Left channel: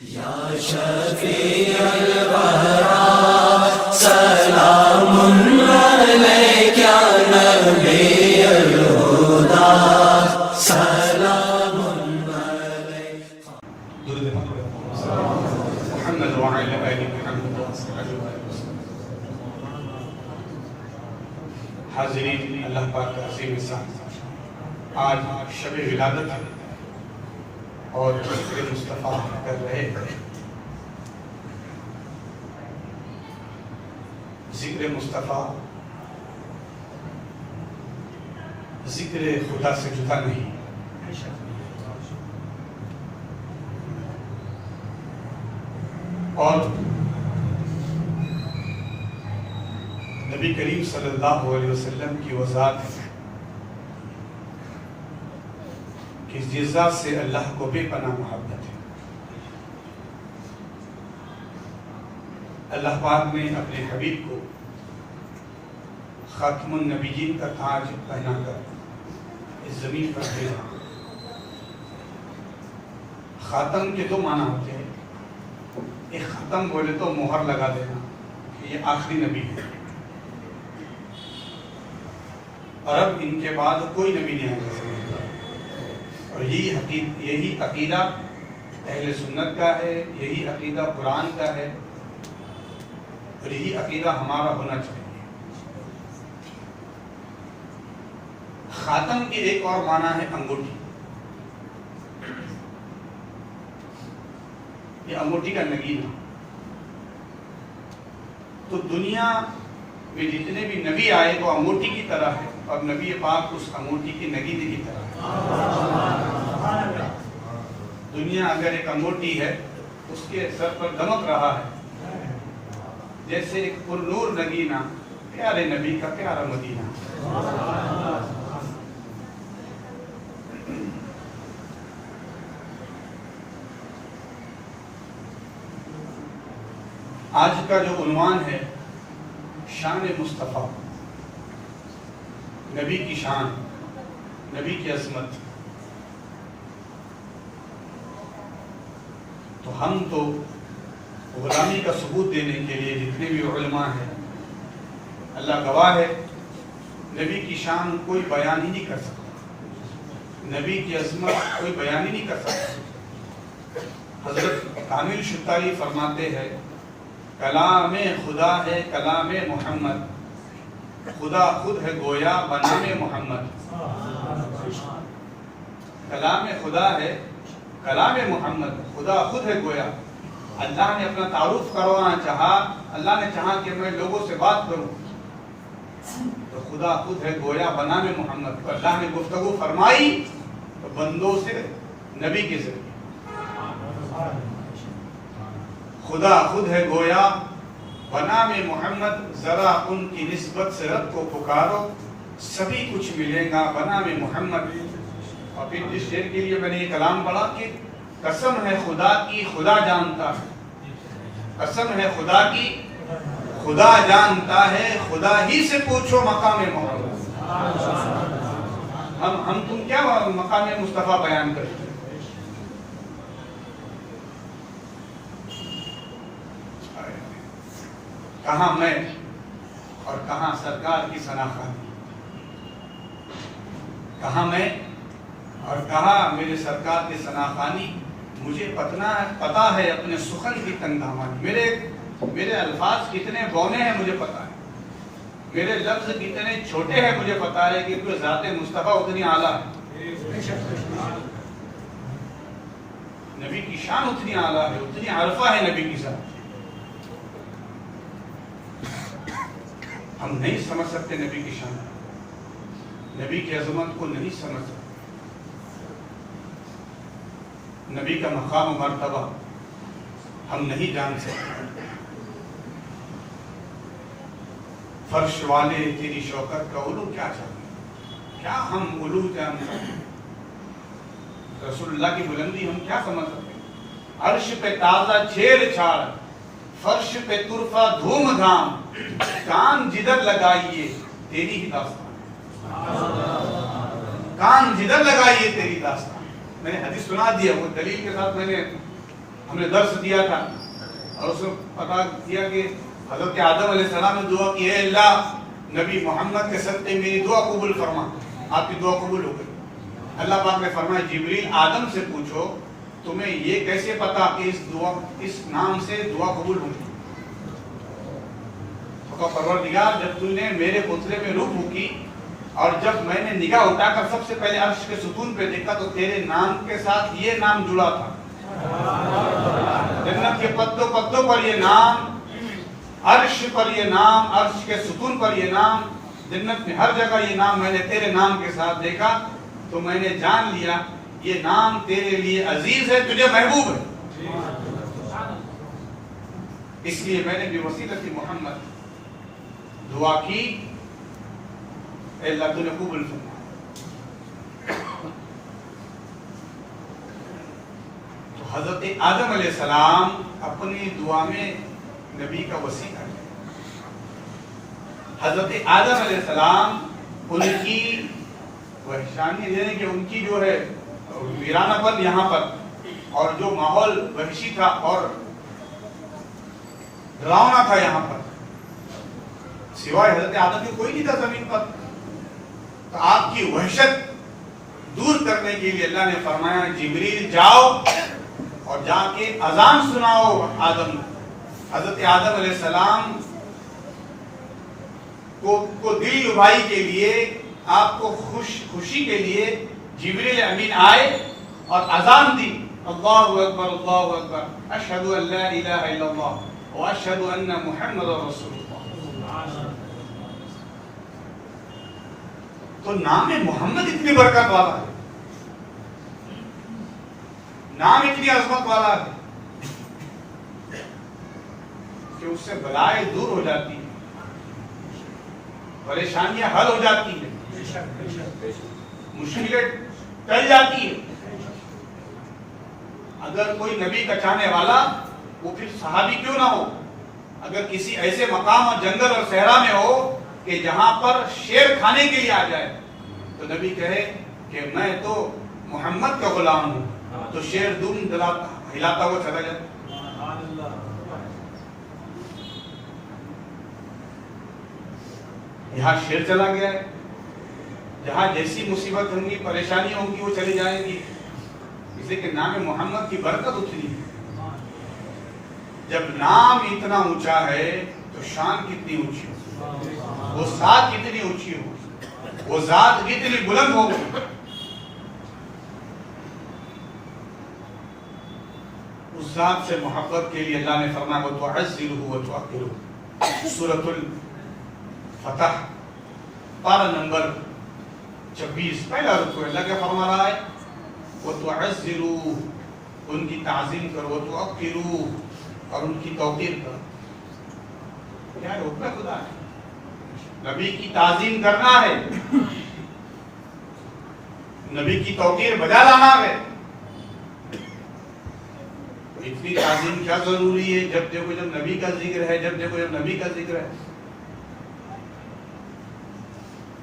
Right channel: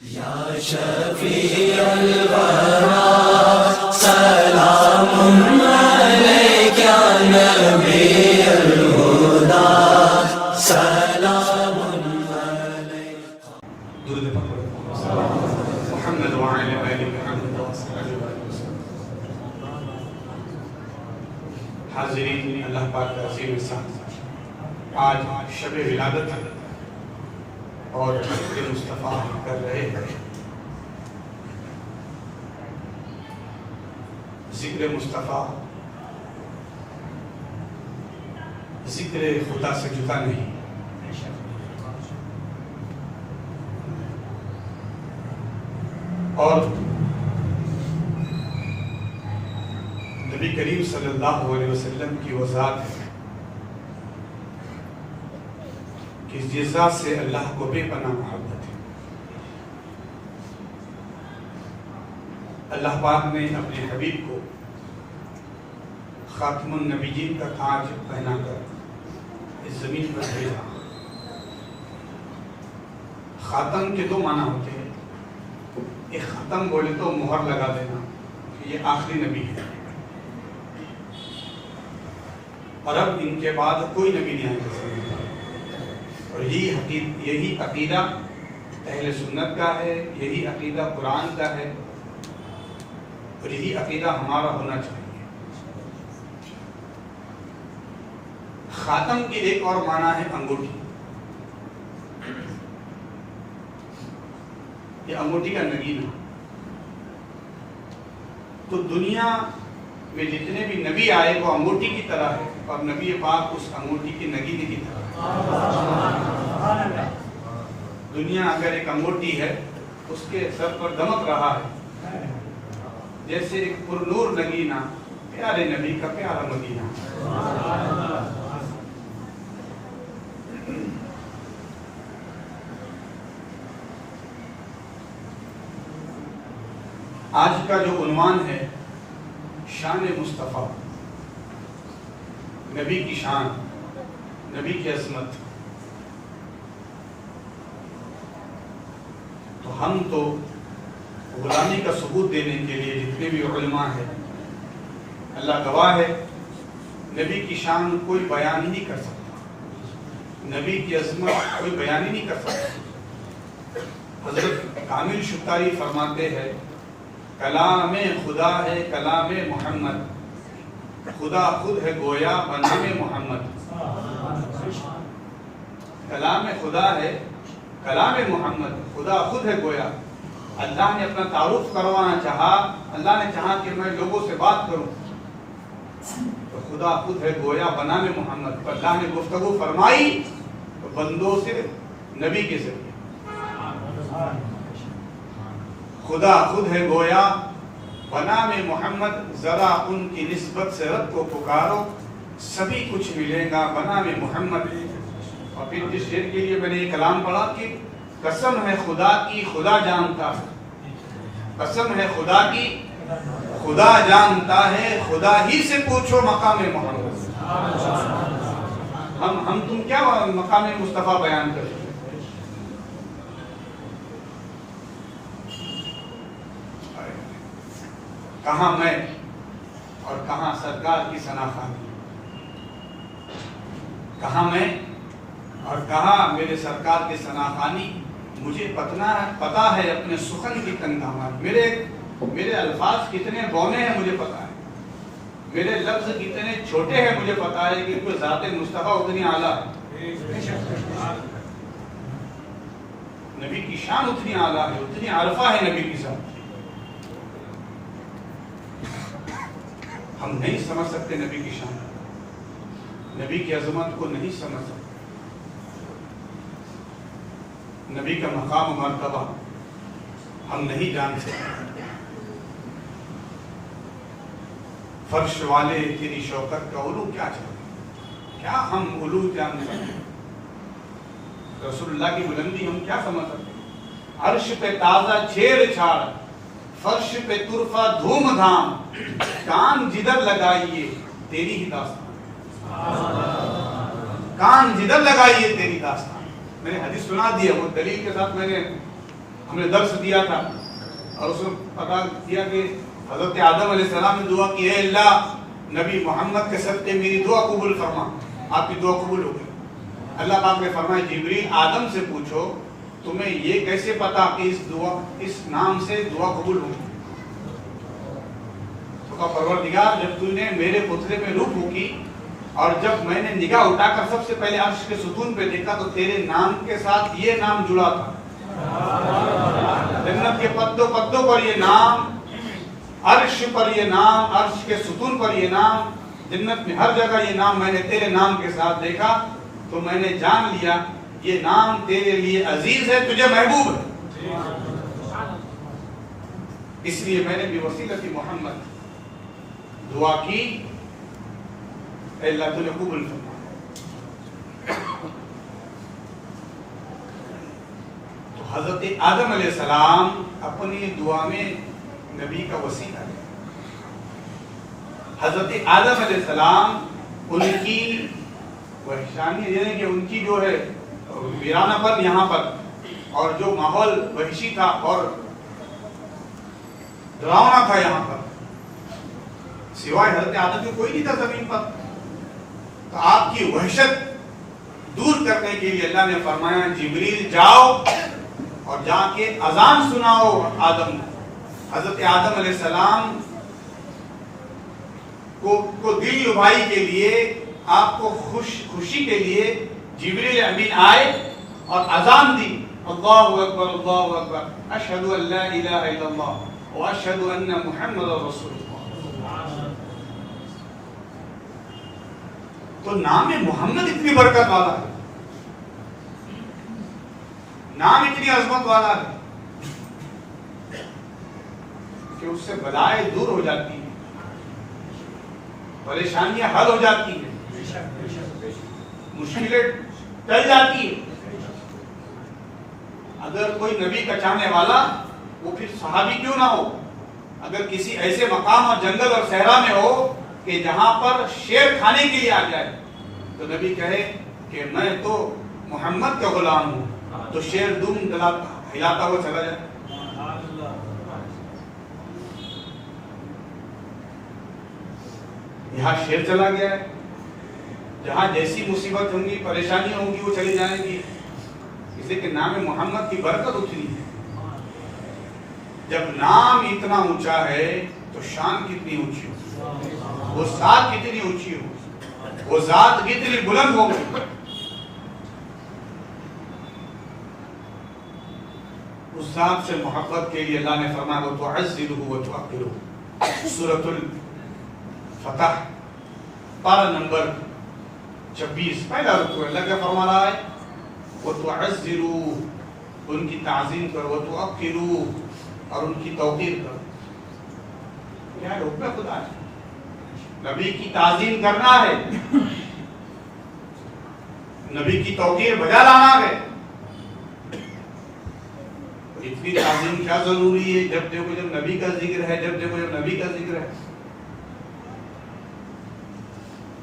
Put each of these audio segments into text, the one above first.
یا شفیع الورا سلام علیک یا نبی الہدا سلام علیک درود محمد وعلی آل محمد حاضرین اللہ پاک کا عظیم احسان، آج شب ولادت ہے اور ذکر مصطفیٰ کر رہے ہیں۔ ذکر مصطفیٰ ذکر خدا سے جدا نہیں، اور نبی کریم صلی اللہ علیہ وسلم کی وضاحت ہے کہ جس ذات سے اللہ کو بے پناہ محبت ہے۔ اللہ پاک نے اپنے حبیب کو خاتم النبیین کا تاج پہنا کر اس زمین پر بھیجا۔ خاتم کے دو معنی ہوتے ہیں، ایک ختم بولے تو مہر لگا دینا کہ یہ آخری نبی ہے، اور اب ان کے بعد کوئی نبی نہیں آئے گا۔ اور یہی عقیدہ اہل سنت کا ہے، یہی عقیدہ قرآن کا ہے، اور یہی عقیدہ ہمارا ہونا چاہیے۔ خاتم کی ایک اور معنی ہے انگوٹھی۔ یہ انگوٹھی کا نگین، تو دنیا میں جتنے بھی نبی آئے وہ انگوٹھی کی طرح ہے، اور نبی پاک اس انگوٹھی کی نگینے کی طرح ہے۔ دنیا اگر ایک انگوٹھی ہے، اس کے سر پر دمک رہا ہے، جیسے ایک پر نور نگینہ پیارے نبی کا پیارا مدینہ۔ آج کا جو عنوان ہے شان مصطفیٰ، نبی کی شان، نبی کی عظمت، تو ہم تو غلامی کا ثبوت دینے کے لیے جتنے بھی علماء ہیں، اللہ گواہ ہے، نبی کی شان کوئی بیان ہی نہیں کر سکتا، نبی کی عظمت کوئی بیان ہی نہیں کر سکتا۔ حضرت کامل شتاری فرماتے ہیں، کلام خدا ہے کلام محمد، خدا خود ہے گویا بنام محمد۔ کلام خدا ہے کلام محمد، خدا خود ہے گویا۔ اللہ نے اپنا تعارف کروانا چاہا، اللہ نے چاہا کہ میں لوگوں سے بات کروں، تو خدا خود ہے گویا بنام محمد، اور اللہ نے گفتگو فرمائی تو بندوں سے نبی کے ذریعے۔ خدا خود ہے گویا بنام محمد، ذرا ان کی نسبت سے رب کو پکارو، سبھی کچھ ملے گا بنام محمد۔ اور پھر جس شعر کے لیے میں نے یہ کلام پڑھا کہ قسم ہے خدا کی خدا جانتا ہے، قسم ہے خدا کی خدا جانتا ہے، خدا ہی سے پوچھو مقام محمد۔ ہم تم کیا مقام مصطفیٰ بیان کرتے ہیں؟ کہاں میں اور کہاں سرکار کی ثناخوانی، کہاں میں اور کہاں میرے سرکار کی ثناخوانی۔ مجھے پتا ہے اپنے سخن کی تنگدامانی، میرے الفاظ کتنے بونے ہیں مجھے پتا ہے، میرے لفظ کتنے چھوٹے ہیں مجھے پتا ہے، کہ کوئی ذات مصطفیٰ اتنی اعلیٰ ہے، نبی کی شان اتنی اعلیٰ ہے، اتنی عرفہ ہے نبی کی ذات۔ ہم نہیں سمجھ سکتے نبی کی شان، نبی کی عظمت کو نہیں سمجھ سکتے، نبی کا مقام و مرتبہ ہم نہیں جان سکتے۔ فرش والے تیری شوکت کا علو کیا چاہتے، کیا ہم علو جان سکتے؟ رسول اللہ کی بلندی ہم کیا سمجھ سکتے؟ عرش پہ تازہ چھیڑ چھاڑ، فرش پہ طرفہ دھوم دھام، کان جدھر لگائیے تیری ہی داستان، کان جدھر لگائیے تیری داستان۔ میں نے حدیث سنا دیا، وہ دلیل کے ساتھ میں نے ہم نے درس دیا تھا اور اس میں پتا کیا کہ حضرت آدم علیہ السلام نے دعا کی، اے اللہ نبی محمد کے صدقے میری دعا قبول فرما. آپ کی دعا قبول ہو گئی. اللہ پاک نے فرمایا جبریل آدم سے پوچھو تمہیں یہ کیسے پتا کہ اس نام سے دعا قبول ہوگی. تو کہا پروردگار جب تو نے میرے پترے میں روح پھونکی اور جب میں نے نگاہ اٹھا کر سب سے پہلے عرش کے ستون پہ دیکھا تو تیرے نام کے ساتھ یہ نام جڑا تھا. جنت کے پتوں پتوں پر یہ نام، عرش پر یہ نام، عرش کے ستون پر یہ نام، جنت میں ہر جگہ یہ نام میں نے تیرے نام کے ساتھ دیکھا تو میں نے جان لیا یہ نام تیرے لیے عزیز ہے، تجھے محبوب ہے. اس لیے میں نے بھی وسیلت محمد دعا کی، اے اللہ تو نے قبول فرمایا. تو حضرت آدم علیہ السلام اپنی دعا میں نبی کا وسیلہ ہے. حضرت آدم علیہ السلام ان کی وحشانی یہ ہے کہ ان کی جو ہے ویرانہ پر یہاں پر اور جو ماحول وحشی تھا اور ڈراؤنا تھا یہاں پر، سوائے حضرت آدم کے کوئی نہیں تھا زمین پر. تو آپ کی وحشت دور کرنے کے لیے اللہ نے فرمایا جبریل جاؤ اور جا کے اذان سناؤ آدم کو. حضرت آدم علیہ السلام کو دل لبھائی کے لیے، آپ کو خوشی کے لیے جبریل امین آئے اور اذان دی، اللہ اکبر اللہ اکبر اشہد ان لا الہ الا اللہ واشہد ان محمد رسول اللہ. تو نام محمد اتنی برکت والا ہے، نام اتنی عظمت والا ہے کہ اس سے بلائیں دور ہو جاتی ہیں، پریشانیاں حل ہو جاتی ہیں، مشکلیں ٹل جاتی ہیں. اگر کوئی نبی کا چاہنے والا وہ پھر صحابی کیوں نہ ہو، اگر کسی ایسے مقام اور جنگل اور صحرا میں ہو کہ جہاں پر شیر کھانے کے لیے آ جائے تو نبی کہے کہ میں تو محمد کا غلام ہوں، تو شیر دم ہلاتا ہوا چلا جائے. یہاں شیر چلا گیا ہے، جہاں جیسی مصیبت ہوں گی پریشانی ہوں گی وہ چلی جائیں گی. اس لیے کہ نام محمد کی برکت اتنی ہے. جب نام اتنا اونچا ہے تو شان کتنی اونچی ہو، وہ ذات کتنی اونچی ہو، وہ ذات کتنی بلند ہو گئی. اس ذات سے محبت کے لیے اللہ نے فرمایا وَتُعَزِّرُهُ وَتُعَقِّرُهُ. سورۃ الفتح پارہ نمبر 26 پہلا رکوع. اللہ کیا فرما رہا ہے؟ وَتُعَزِّرُوهُ، ان کی تعظیم کرو، وَتُعَقِّرُوهُ، اور ان کی توقیر کرو. کیا ہے حکم خدا ہے، نبی کی تعظیم کرنا ہے، نبی کی توقیر بجا لانا ہے. اتنی تعظیم کیا ضروری ہے؟ جب دیکھو جب نبی کا ذکر ہے، جب دیکھو جب نبی کا ذکر ہے.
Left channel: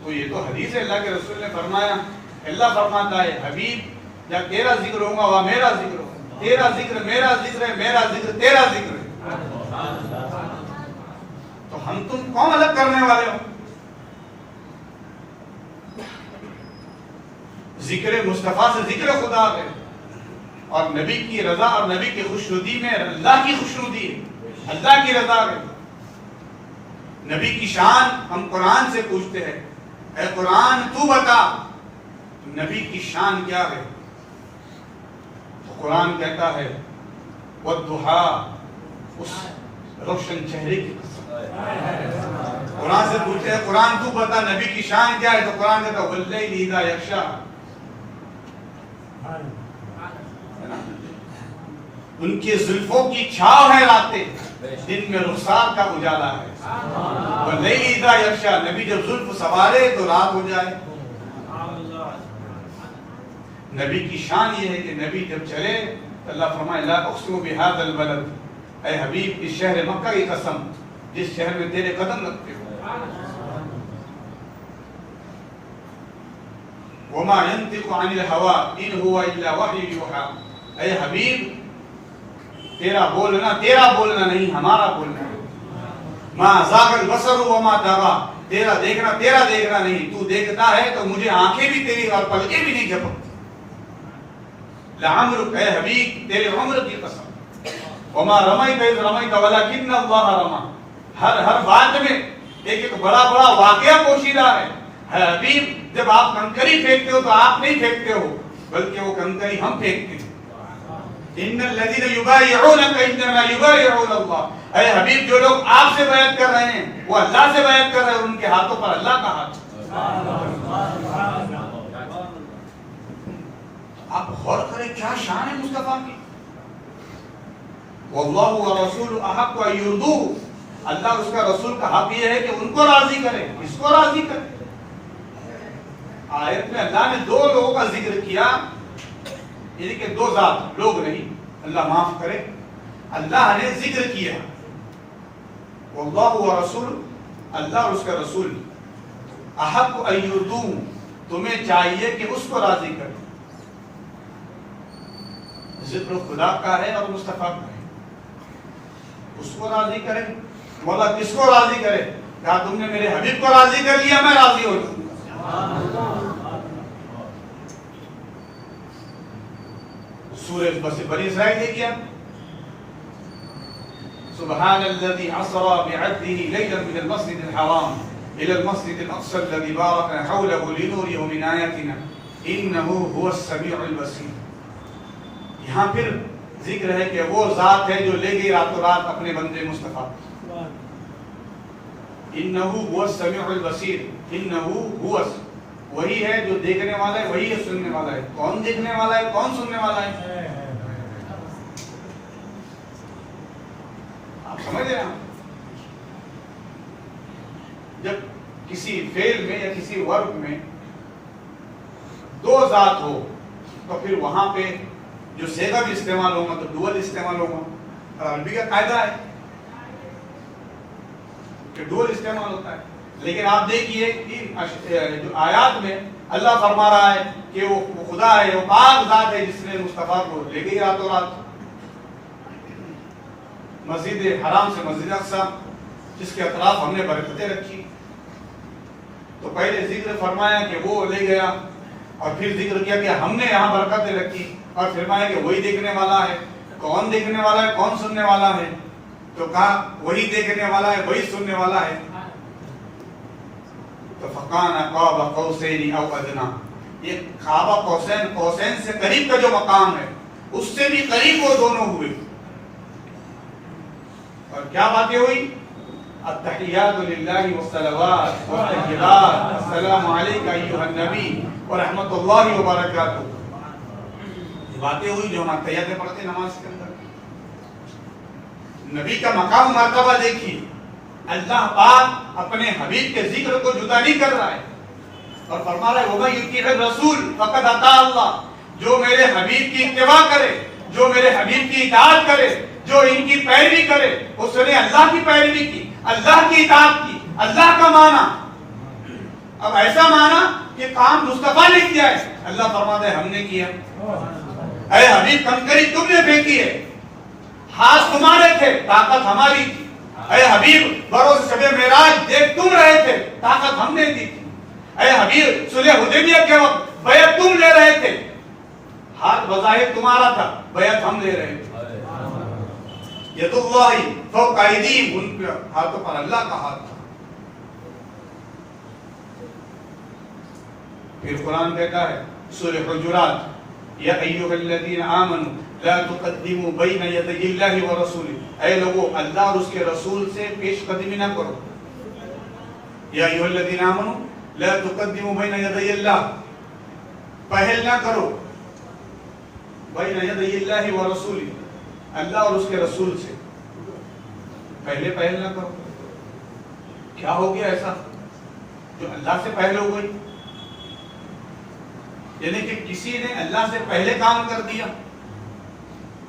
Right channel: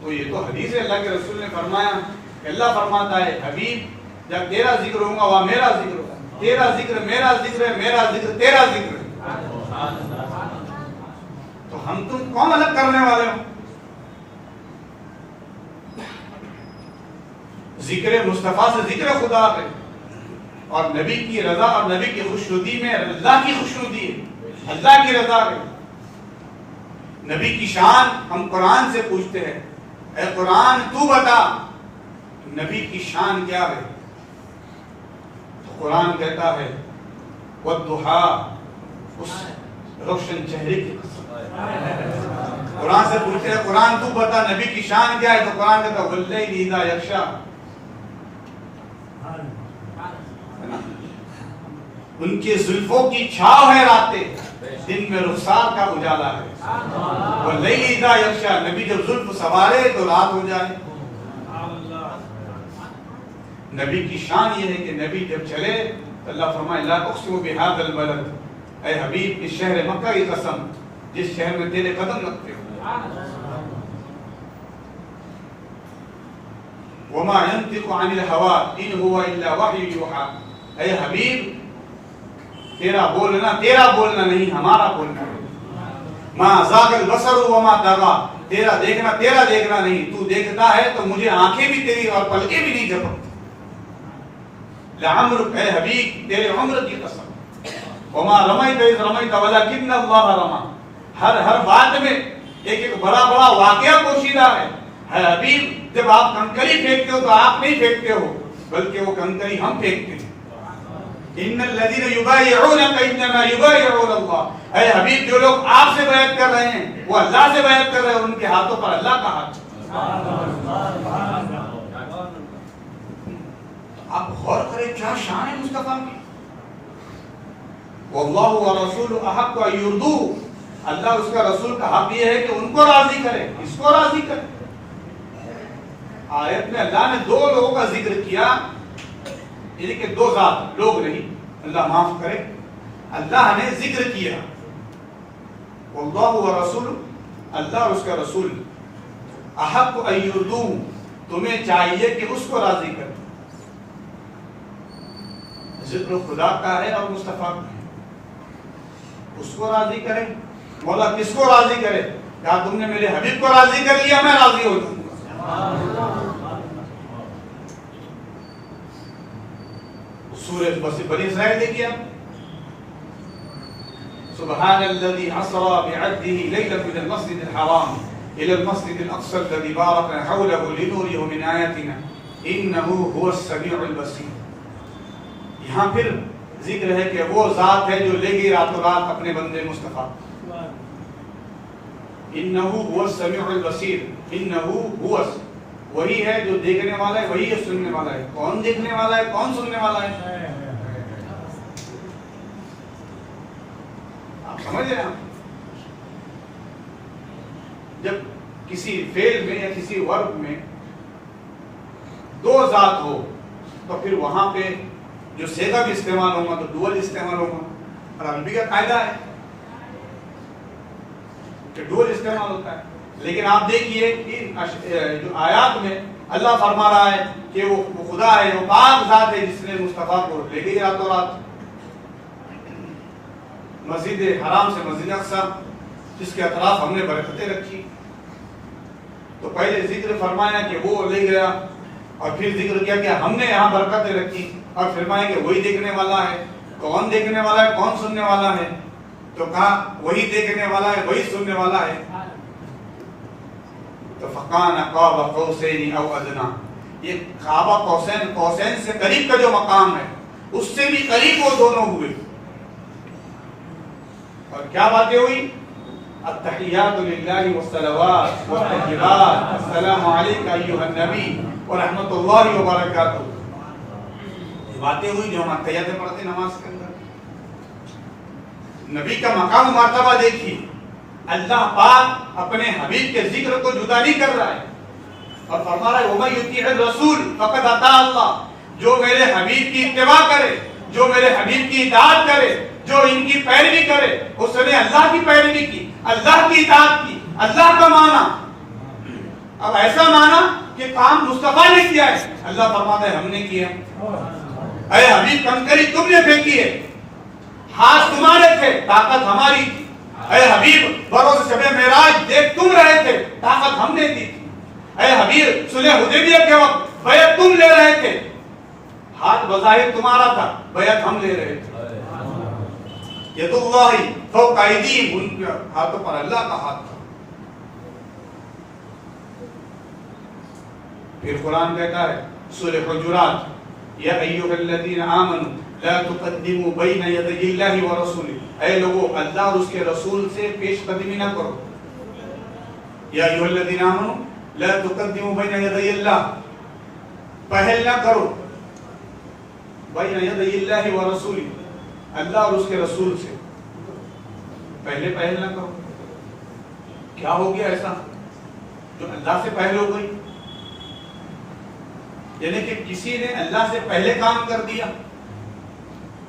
تو یہ تو حدیث ہے، اللہ کے رسول نے فرمایا، اللہ فرماتا ہے حبیب جب تیرا ذکر ہوگا وہاں میرا ذکر ہوگا، تیرا ذکر میرا ذکر ہے، میرا ذکر تیرا ذکر ہے. تو ہم تم کون الگ کرنے والے ہو؟ ذکر مصطفیٰ سے ذکر خدا ہے، اور نبی کی رضا اور نبی کی خوشنودی میں اللہ کی خوشنودی ہے، اللہ کی رضا ہے. نبی کی شان ہم قرآن سے پوچھتے ہیں، اے قرآن تو بتا نبی کی شان کیا ہے. تو قرآن کہتا ہے وَالضُّحَىٰ، اس روشن چہرے کی قسم. قرآن سے پوچھتے ہیں قرآن تو بتا نبی کی شان کیا ہے، تو قرآن کہتا ہے وَاللَّيْلِ إِذَا يَغْشَىٰ، ان کے زلفوں کی چھاؤ ہے راتیں، دن میں رخسار کا اجالا ہے. وَاللَّيْلِ إِذَا يَغْشَىٰ، نبی جب زلف سوارے تو رات ہو جائے. نبی کی شان یہ ہے کہ نبی جب چلے تو اللہ فرمائے لا اقسم بهذا البلد، اے حبیب اس شہر مکہ کی قسم جس شہر میں تیرے قدم رکھتے ہو. وما ينطق عن الهوى ان هو الا وحي يوحى، اے حبیب تیرا بولنا نہیں ہمارا بولنا. ما زاغ البصر وما طغى. تیرا دیکھنا نہیں. تو دیکھتا ہے تو مجھے آنکھیں بھی تیری اور پلکیں بھی نہیں جھپکتی. لعمرک اے حبیب تیرے عمر کی قسم. وما رمیت اذ رمیت ولکن اللہ رمی. ہر بات میں ایک بڑا واقعہ پوشیدہ ہے. حبیب جب آپ کنکری پھینکتے ہو تو آپ نہیں پھینکتے ہو بلکہ وہ کنکری ہم پھینکتے ہیں. ان الذين يبايعونك انما يبايعون الله. اے حبیب جو لوگ آپ سے بیعت کر رہے ہیں وہ اللہ سے بیعت کر رہے ہیں. ان کے ہاتھوں پر اللہ کا ہاتھ. آپ غور کریں کیا شان ہے مصطفیٰ کی. واللہ ورسول احق ان یرضوه. اللہ اس کا رسول کا حق یہ ہے کہ ان کو راضی کرے. اس کو راضی کرے. آیت میں اللہ نے دو لوگوں کا ذکر کیا. یعنی کہ دو ذات لوگ نہیں, اللہ معاف کرے, اللہ نے ذکر کیا. واللہ ورسول, اللہ اور اس کا رسول احق ان یرضوه, تمہیں چاہیے کہ اس کو راضی کرے. ذکر خدا کا ہے اور مصطفیٰ کا ہے. اس کو راضی کرے. مولا کس کو راضی کرے؟ کیا تم نے میرے حبیب کو راضی کر لیا میں راضی ہو جاؤں. سورہ بنی اسرائیل دیکھیے. سبحان الذي اسرى بعبده ليلا من المسجد الحرام الى المسجد الاقصى الذي باركنا حوله لنريه من آياتنا انه هو السميع البصير. یہاں پھر ذکر ہے کہ وہ ذات ہے جو لے گئی راتوں رات اپنے بندے مصطفیٰ. انہو هو السمیع البصیر. انہو هو, وہی ہے جو دیکھنے والا ہے, وہی ہے سننے والا ہے. کون دیکھنے والا ہے, کون سننے والا ہے؟ آپ سمجھ رہے ہیں. جب کسی فعل میں یا کسی ورب میں دو ذات ہو تو پھر وہاں پہ جو صیغہ بھی استعمال ہوگا تو ڈوئل استعمال ہوگا. اور عربی کا قاعدہ ہے کہ ڈوئل استعمال ہوتا ہے. لیکن آپ دیکھیے جو آیات میں اللہ فرما رہا ہے کہ وہ خدا ہے, وہ پاک ذات ہے جس نے مصطفیٰ کو لے گئی راتوں رات مسجد حرام سے مسجد اقصی, جس کے اطراف ہم نے برکتیں رکھی. تو پہلے ذکر فرمایا کہ وہ لے گیا, اور پھر ذکر کیا کہ ہم نے یہاں برکتیں رکھی, اور فرمایا کہ وہی دیکھنے والا ہے. کون دیکھنے والا ہے, کون سننے والا ہے؟ تو کہا وہی دیکھنے والا ہے, وہی سننے والا ہے. تو فقان قاب قوسین او ادنا, یہ قاب قوسین, قوسین سے قریب کا جو مقام ہے اس سے بھی قریب وہ دونوں ہوئے. اور کیا باتیں ہوئی؟ التحیات للہ والصلوات والتکبیرات, السلام علیکہ ایھا النبی ورحمۃ اللہ وبرکاتہ. یہ باتیں ہوئی جو ہم تحیات پڑھتے نماز کے اندر. نبی کا مقام مرتبہ دیکھیے. اللہ پاک اپنے حبیب کے ذکر کو جدا نہیں کر رہا ہے اور فرما رہا ہے وَمَن يُطِعِ الرَّسُولَ فَقَدْ أَطَاعَ اللَّهَ. جو میرے حبیب کی اتباع کرے, جو میرے حبیب کی اطاعت کرے, جو ان کی پیروی کرے, اس نے اللہ کی پیروی کی, اللہ کی اطاعت کی. اللہ کا معنی اب ایسا معنی کہ کام مصطفیٰ نے کیا ہے. اللہ فرماتا ہے ہم نے کیا. اے حبیب کنکری تم نے پھینکی ہے, ہاتھ تمہارے تھے, طاقت ہماری تھی. اے حبیب بروز شب معراج دیکھ تم رہے تھے, طاقت ہم نے دی تھی. اے حبیب صلح حدیبیہ کے وقت بیعت تم لے رہے تھے, ہاتھ بظاہر تمہارا تھا, بیعت ہم لے رہے تھے. ید اللہ فوق ایدیہم, ان کے ہاتھوں پر اللہ کا ہاتھ تھا. پھر قرآن کہتا ہے سورہ حجرات یا ایھا الذین آمنوا لا تقدموا بین یدی اللہ ورسولہ. اے لوگو اللہ اور اس کے رسول سے پیش قدمی نہ کرو. یا ایھا الذین آمنوا لا تقدموا بین یدی اللہ, پہل نہ کرو بین یدی اللہ ورسولہ, اللہ اور اس کے رسول سے پہلے پہل نہ کرو. کیا ہو گیا ایسا جو اللہ سے پہل ہو گئی؟ یعنی کہ کسی نے اللہ سے پہلے کام کر دیا.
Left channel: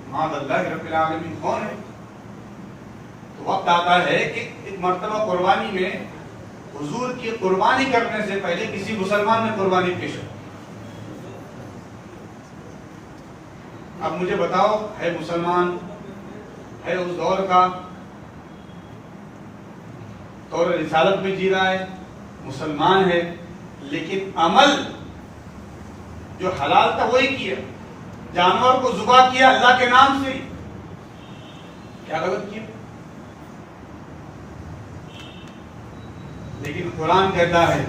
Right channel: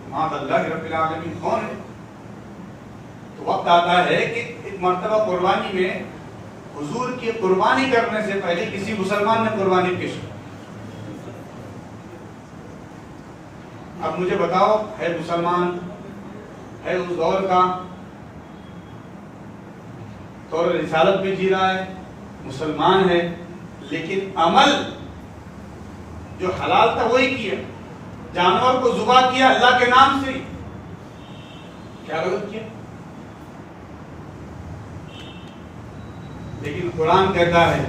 معاذ اللہ رب العالمین کون ہے؟ تو وقت آتا ہے کہ ایک مرتبہ قربانی میں حضور کی قربانی کرنے سے پہلے کسی مسلمان نے قربانی پیش کی. اب مجھے بتاؤ, ہے مسلمان ہے اس دور کا طور رسالت میں جی رہا ہے، مسلمان ہے، لیکن عمل جو حلال تھا وہی کیا، جانور کو ذبح کیا اللہ کے نام سے، کیا غلط کیا؟ لیکن قرآن کہتا ہے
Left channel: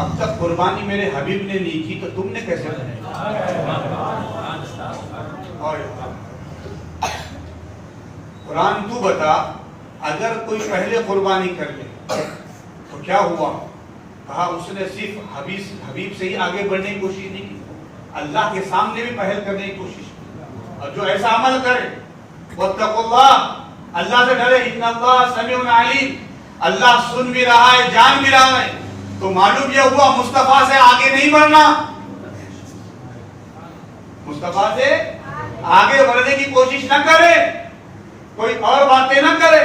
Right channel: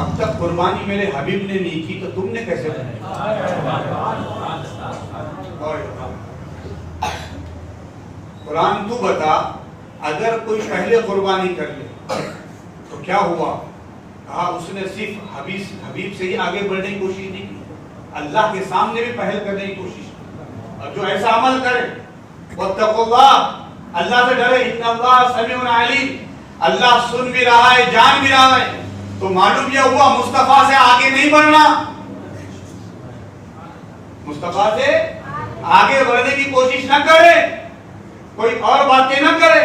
اب تک قربانی میرے حبیب نے نہیں کی تو تم نے کیسے بنائی؟ قرآن تو بتا، اگر کوئی پہلے قربانی کر لے تو کیا ہوا؟ کہا اس نے صرف حبیب سے ہی آگے بڑھنے کی کوشش نہیں کی، اللہ کے سامنے بھی پہل کرنے کی کوشش کی۔ اور جو ایسا عمل کرے واتقوا اللہ، اللہ سے ڈرے، ان اللہ سمیع علیم، اللہ سن بھی رہا ہے، جان بھی رہا ہے، تو معلوم یہ ہوا مصطفیٰ سے آگے نہیں بڑھنا، مصطفیٰ سے آگے بڑھنے کی کوشش نہ کرے، کوئی اور باتیں نہ کرے،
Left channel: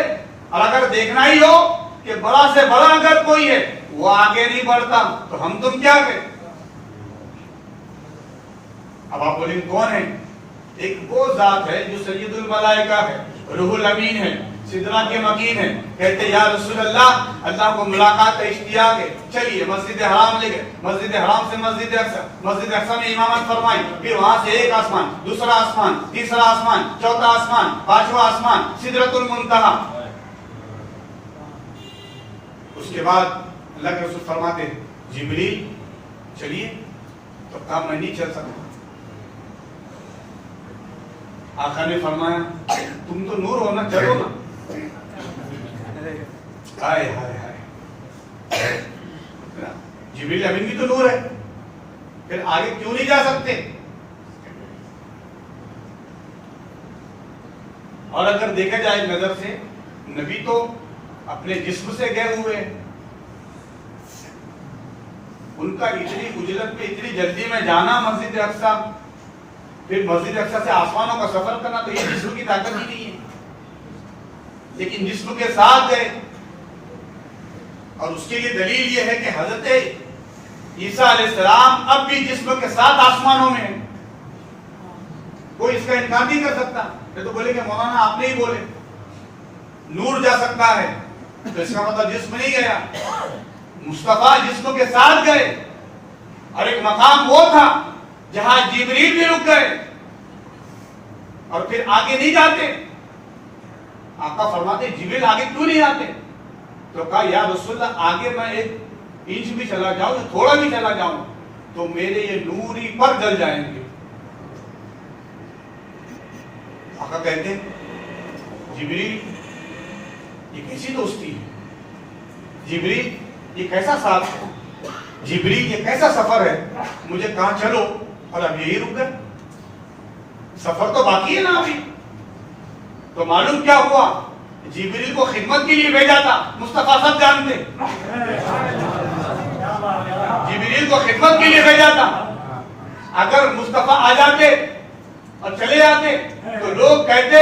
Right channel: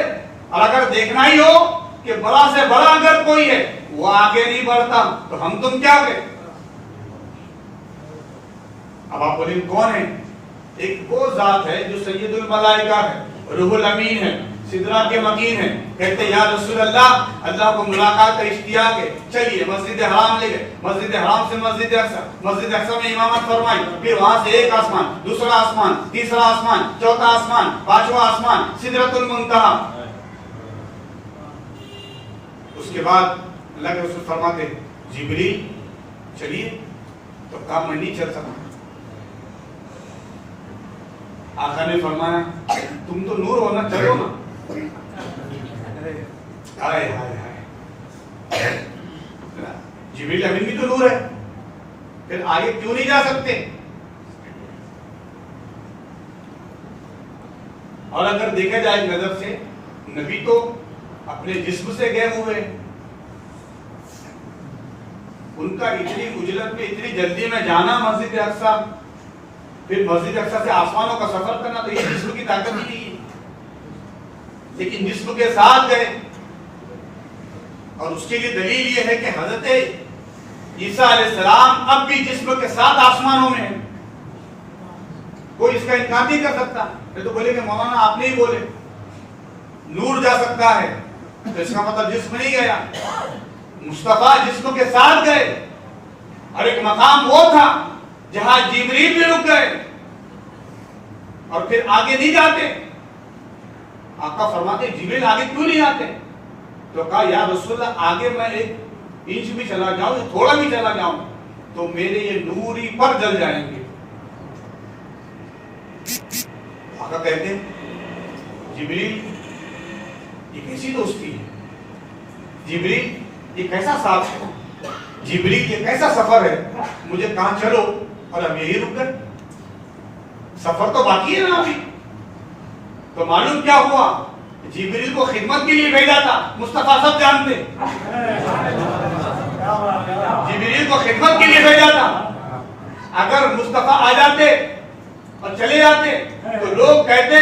اور اگر دیکھنا ہی ہو کہ بڑا سے بڑا اگر کوئی ہے وہ آگے نہیں بڑھتا تو ہم تم کیا کریں؟ اب آپ بولیں کون ہے؟ ایک وہ ذات ہے جو سید الملائکہ ہے، روح الامین ہے، سدرہ کے مکین ہے، کہتے یا رسول اللہ، اللہ کو ملاقات کا اشتیاق ہے، چلیے مسجد حرام لے گئے، مسجد حرام سے مسجد اقصی، مسجد اقصی میں امامت فرمائی، پھر وہاں سے ایک آسمان، دوسرا آسمان، تیسرا آسمان، چوتھا آسمان، پانچواں آسمان، سدرۃ المنتہا۔ اس کے بعد اللہ کے رسول فرماتے جبریل چلیے، تو کہا میں نہیں چل سکتا۔ آقا نے فرمایا تم تو نور ہونا، چلو نا۔ ہائے ہائے ہائے، جبریل امین بھی تو نور ہے، پھر آگے کیوں نہیں جا سکتے؟ اور اگر دیکھا جائے نظر سے، نبی تو اپنے جسم سے گئے ہوئے، ان کا اتنی اجلت میں اتنی جلدی میں جانا مسجد اقصی، پھر مسجد اقصی سے آسمانوں کا سفر کرنا، تو یہ جسم کی طاقت ہی نہیں ہے، لیکن جسم کے ساتھ گئے۔ اور اس کے لیے دلیل یہ ہے کہ حضرت عیسیٰ علیہ السلام اب بھی جسم کے ساتھ آسمانوں میں ہیں، کوئی اس کا انکار نہیں کر سکتا۔ یہ تو بولے کہ مولانا آپ نہیں بولے نور جا سکتا ہے، تو اس کا مطلب جسم نہیں گیا، مصطفیٰ جسم کے ساتھ گئے، اور ایک مقام وہ تھا جہاں جبریل بھی رک گئے، اور پھر آگے نہیں جاتے۔ آقا فرماتے جبریل آگے کیوں نہیں جاتے؟ تو کہا یا رسول اللہ آگے میں ایک انچ بھی چلا جاؤں، تھوڑا بھی چلا جاؤں تو میرے یہ نوری پر جل جائیں گے۔ آقا کہتے ہیں جبریل یہ کیسی دوستی ہے، جبریل یہ کیسا ساتھ ہے، جبریل یہ کیسا سفر ہے، مجھے کہاں چلو اور اب یہی رک گئے، سفر تو باقی ہے نا ابھی۔ تو معلوم کیا ہوا، جبریل کو خدمت کے لیے بھیجا تھا، مصطفیٰ سب جانتے، جبریل کو خدمت کے لیے بھیجا تھا۔ اگر مصطفیٰ آ جاتے اور چلے جاتے تو لوگ کہتے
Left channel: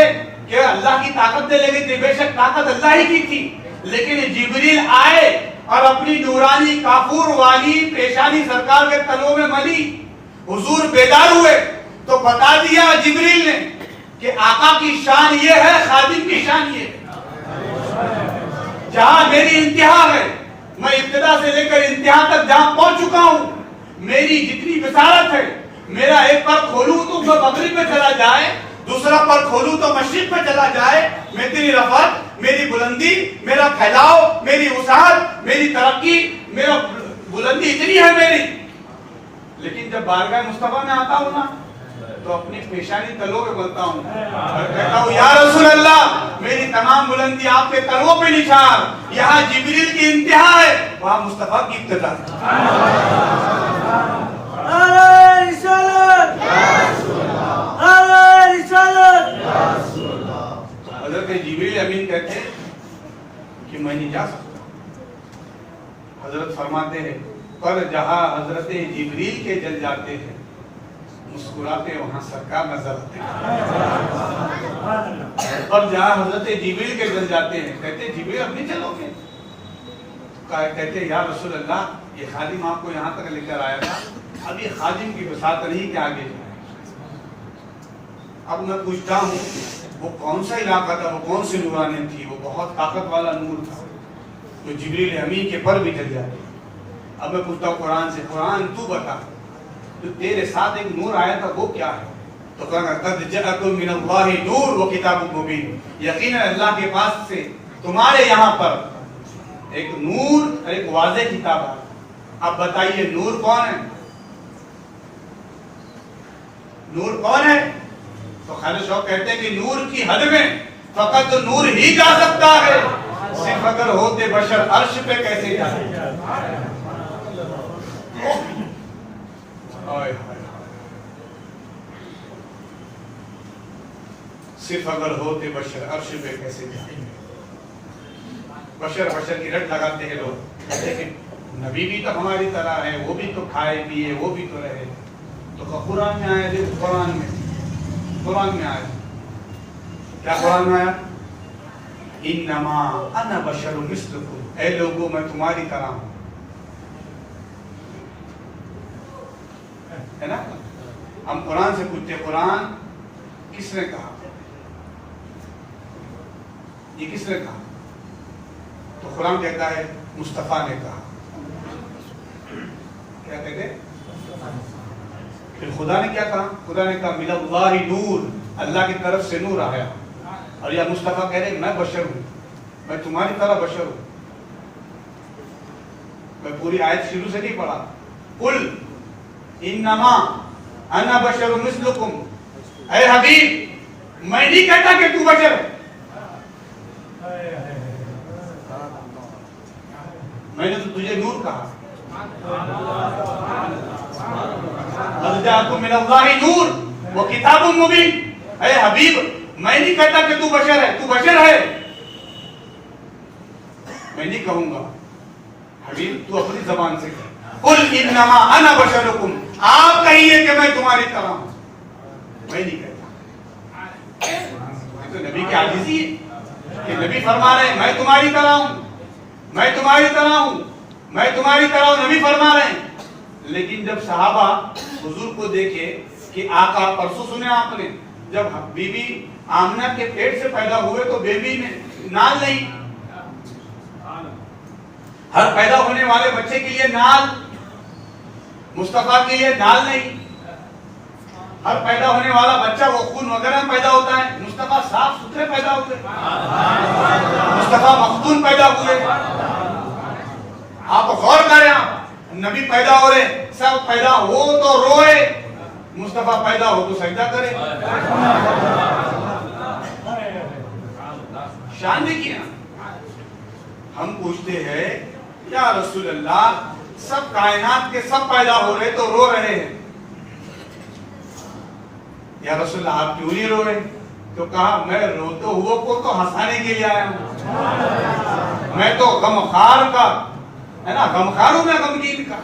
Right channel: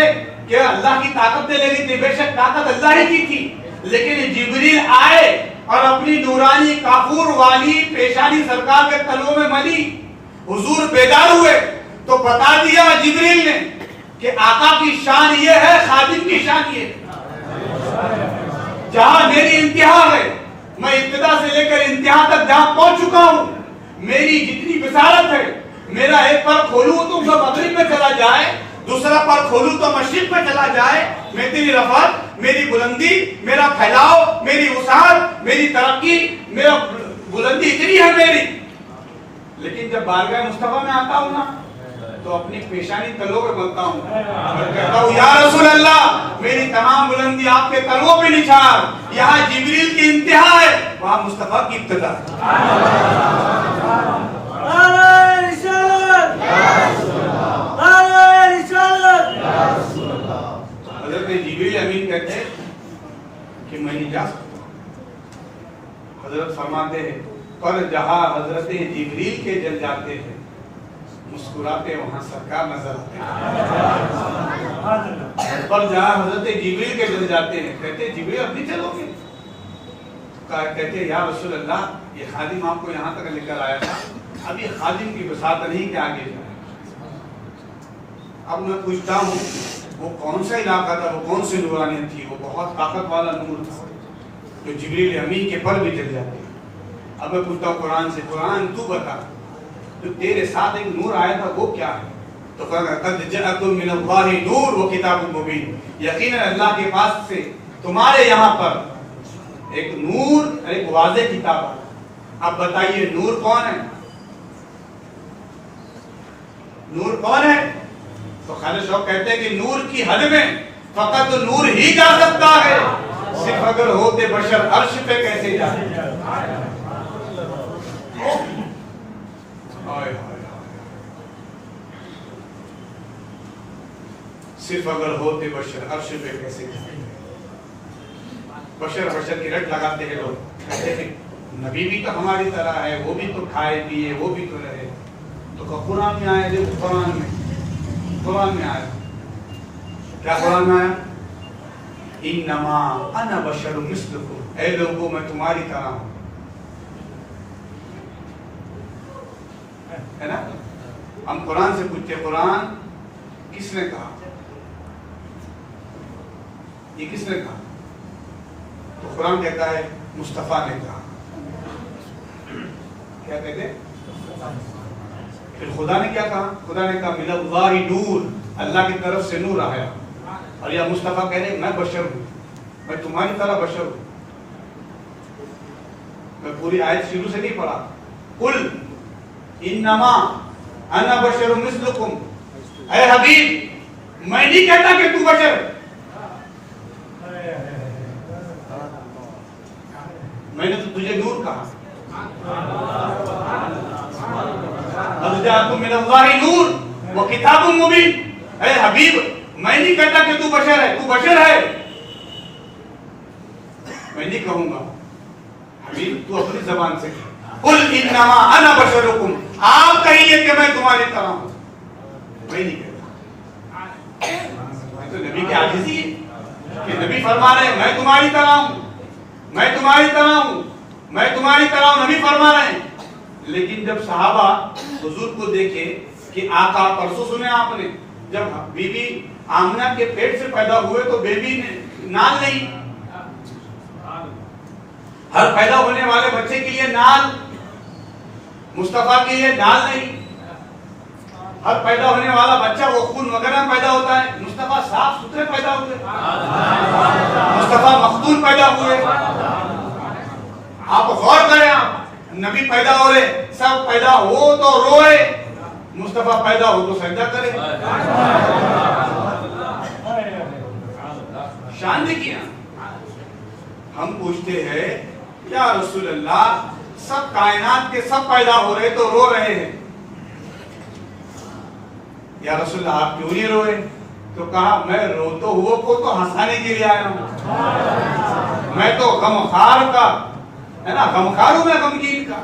کہ اللہ کی طاقت نے لے لی تھی، بے شک طاقت اللہ ہی کی تھی، لیکن جبریل آئے اور اپنی نورانی کافور والی پیشانی سرکار کے تلوں میں ملی، حضور بیدار ہوئے تو بتا دیا جبریل نے کہ آقا کی شان یہ ہے، خادم کی شان یہ ہے، جہاں میری انتہا ہے، میں ابتدا سے لے کر انتہا تک جہاں پہنچ چکا ہوں، میری جتنی بصارت ہے، میرا ایک پر کھولوں تو مغرب میں چلا جائے، دوسرا پر کھولوں تو مشرق میں چلا جائے، میں تیری رفعت، میری بلندی، میرا پھیلاؤ، میری وسعت، میری ترقی، میرا بلندی اتنی ہے میری، لیکن جب بارگاہ مصطفیٰ میں آتا ہوں نا تو اپنی پیشانی تلوں پہ بنتا ہوں اور کہتا ہوں یا رسول اللہ میری تمام بلندی آپ کے تلوں پہ نچھار، یہاں جبریل کی انتہا ہے، وہاں مصطفیٰ کی ابتدا ہے۔ حضرت جبریل امین کہتے ہیں کہ میں نہیں جا سکتا، حضرت فرماتے ہیں پر جہاں حضرت جبریل کے جل جاتے ہیں مسکراتے وہاں سرکار نظر آتے ہیں، پر جہاں حضرت جبریل کے جل جاتے ہیں کہتے ہیں جبریل اب نہیں چلو گے، کہتے ہیں یا رسول اللہ یہ خادم آپ کو یہاں تک لے کر آیا تھا، اب یہ خادم کی بساط نہیں کہ آگے جائے۔ اب میں پوچھتا ہوں وہ کون سا علاقہ تھا, وہ کون سی نورانیت تھی؟ وہ بہت طاقت والا نور تھا جو جبریل امین کے پر بھی چل جاتے. اب میں پوچھتا ہوں قرآن سے, قرآن تو بتا جو تیرے ساتھ ایک نور آیا تھا وہ کیا ہے؟ تو کہا قد جاءکم من اللہ نور و کتاب مبین, یقیناً اللہ کے پاس سے تمہارے یہاں پر ایک نور اور ایک واضح کتاب ہے. اب بتائیے نور کون ہے؟ نور کون ہے؟ تو خالد شوق کہتے ہیں کہ نور کی حد میں فقط نور ہی جا سکتا ہے, صرف اگر ہوتے بشر عرش پہ کیسے جاتے. صرف اگر ہوتے بشر عرش پہ کیسے جاتے. بشر کی رٹ لگاتے ہیں لوگ, کہتے ہیں نبی بھی تو ہماری طرح ہے, وہ بھی تو کھائے پیے, وہ بھی تو رہے. تو قرآن میں آیا, دیکھو قرآن میں آیا کیا؟ قرآن میں آیا انما انا بشر مثلکم, اے لوگوں میں تمہاری طرح ہوں, ہے نا. ہم قرآن سے پوچھتے قرآن کس نے کہا, یہ کس نے کہا؟ تو قرآن کہتا ہے مصطفیٰ نے کہا. کیا کہتے ہیں؟ پھر خدا نے کیا کہا؟ خدا نے کہا من اللہ نور, اللہ کی طرف سے نور آیا. اور یہ مصطفیٰ کہہ رہے میں بشر ہوں, میں تمہاری طرح بشر ہوں. میں پوری آیت شروع سے نہیں پڑھا. قل انما انا بشر مثلکم, اے حبیب میں نہیں کہتا کہ تو بشر ہے, میں نے تو تجھے نور کہا. قد جاءکم من اللہ نور و کتاب مبین, اے حبیب میں نہیں کہتا کہ تو بشر ہے, تو بشر ہے. میں نہیں کہوں گا حبیب, تو اپنی زبان سے قل انما انا بشرکم, آپ کہیے کہ میں تمہاری طرح ہوں, میں نہیں کہتا. یہ تو نبی کی عاجزی ہے کہ نبی فرما رہے ہیں میں تمہاری طرح ہوں, میں تمہاری طرح ہوں, میں تمہاری طرح ہوں, نبی فرما رہے ہیں. لیکن جب صحابہ حضور کو دیکھے کہ آقا, پرسوں سنے آپ نے جب بی بی آمنہ کے پیٹ سے پیدا ہوئے تو بیبی نے نال نہیں, ہر پیدا ہونے والے بچے کے لیے نال, مصطفیٰ کے لیے نال نہیں. ہر پیدا ہونے والا بچہ وہ خون وغیرہ پیدا ہوتا ہے, مصطفیٰ صاف ستھرے پیدا ہوئے, مصطفیٰ مختون پیدا ہوئے. آپ غور کریں, آپ نبی پیدا ہو رہے, سب پیدا ہو تو روئے, مصطفیٰ پیدا ہو تو سجدہ کرے. شان دیکھیے. ہم پوچھتے ہیں یا رسول اللہ سب کائنات کے سب پیدا ہو رہے تو رو رہے ہیں, یا رسول اللہ آپ کیوں نہیں روئے؟ تو کہا میں روتے ہوا کو تو ہنسانے کے لیے آیا ہوں, میں تو غمخار کا ہے نا, غمخار ہوں, میں غمگین کا,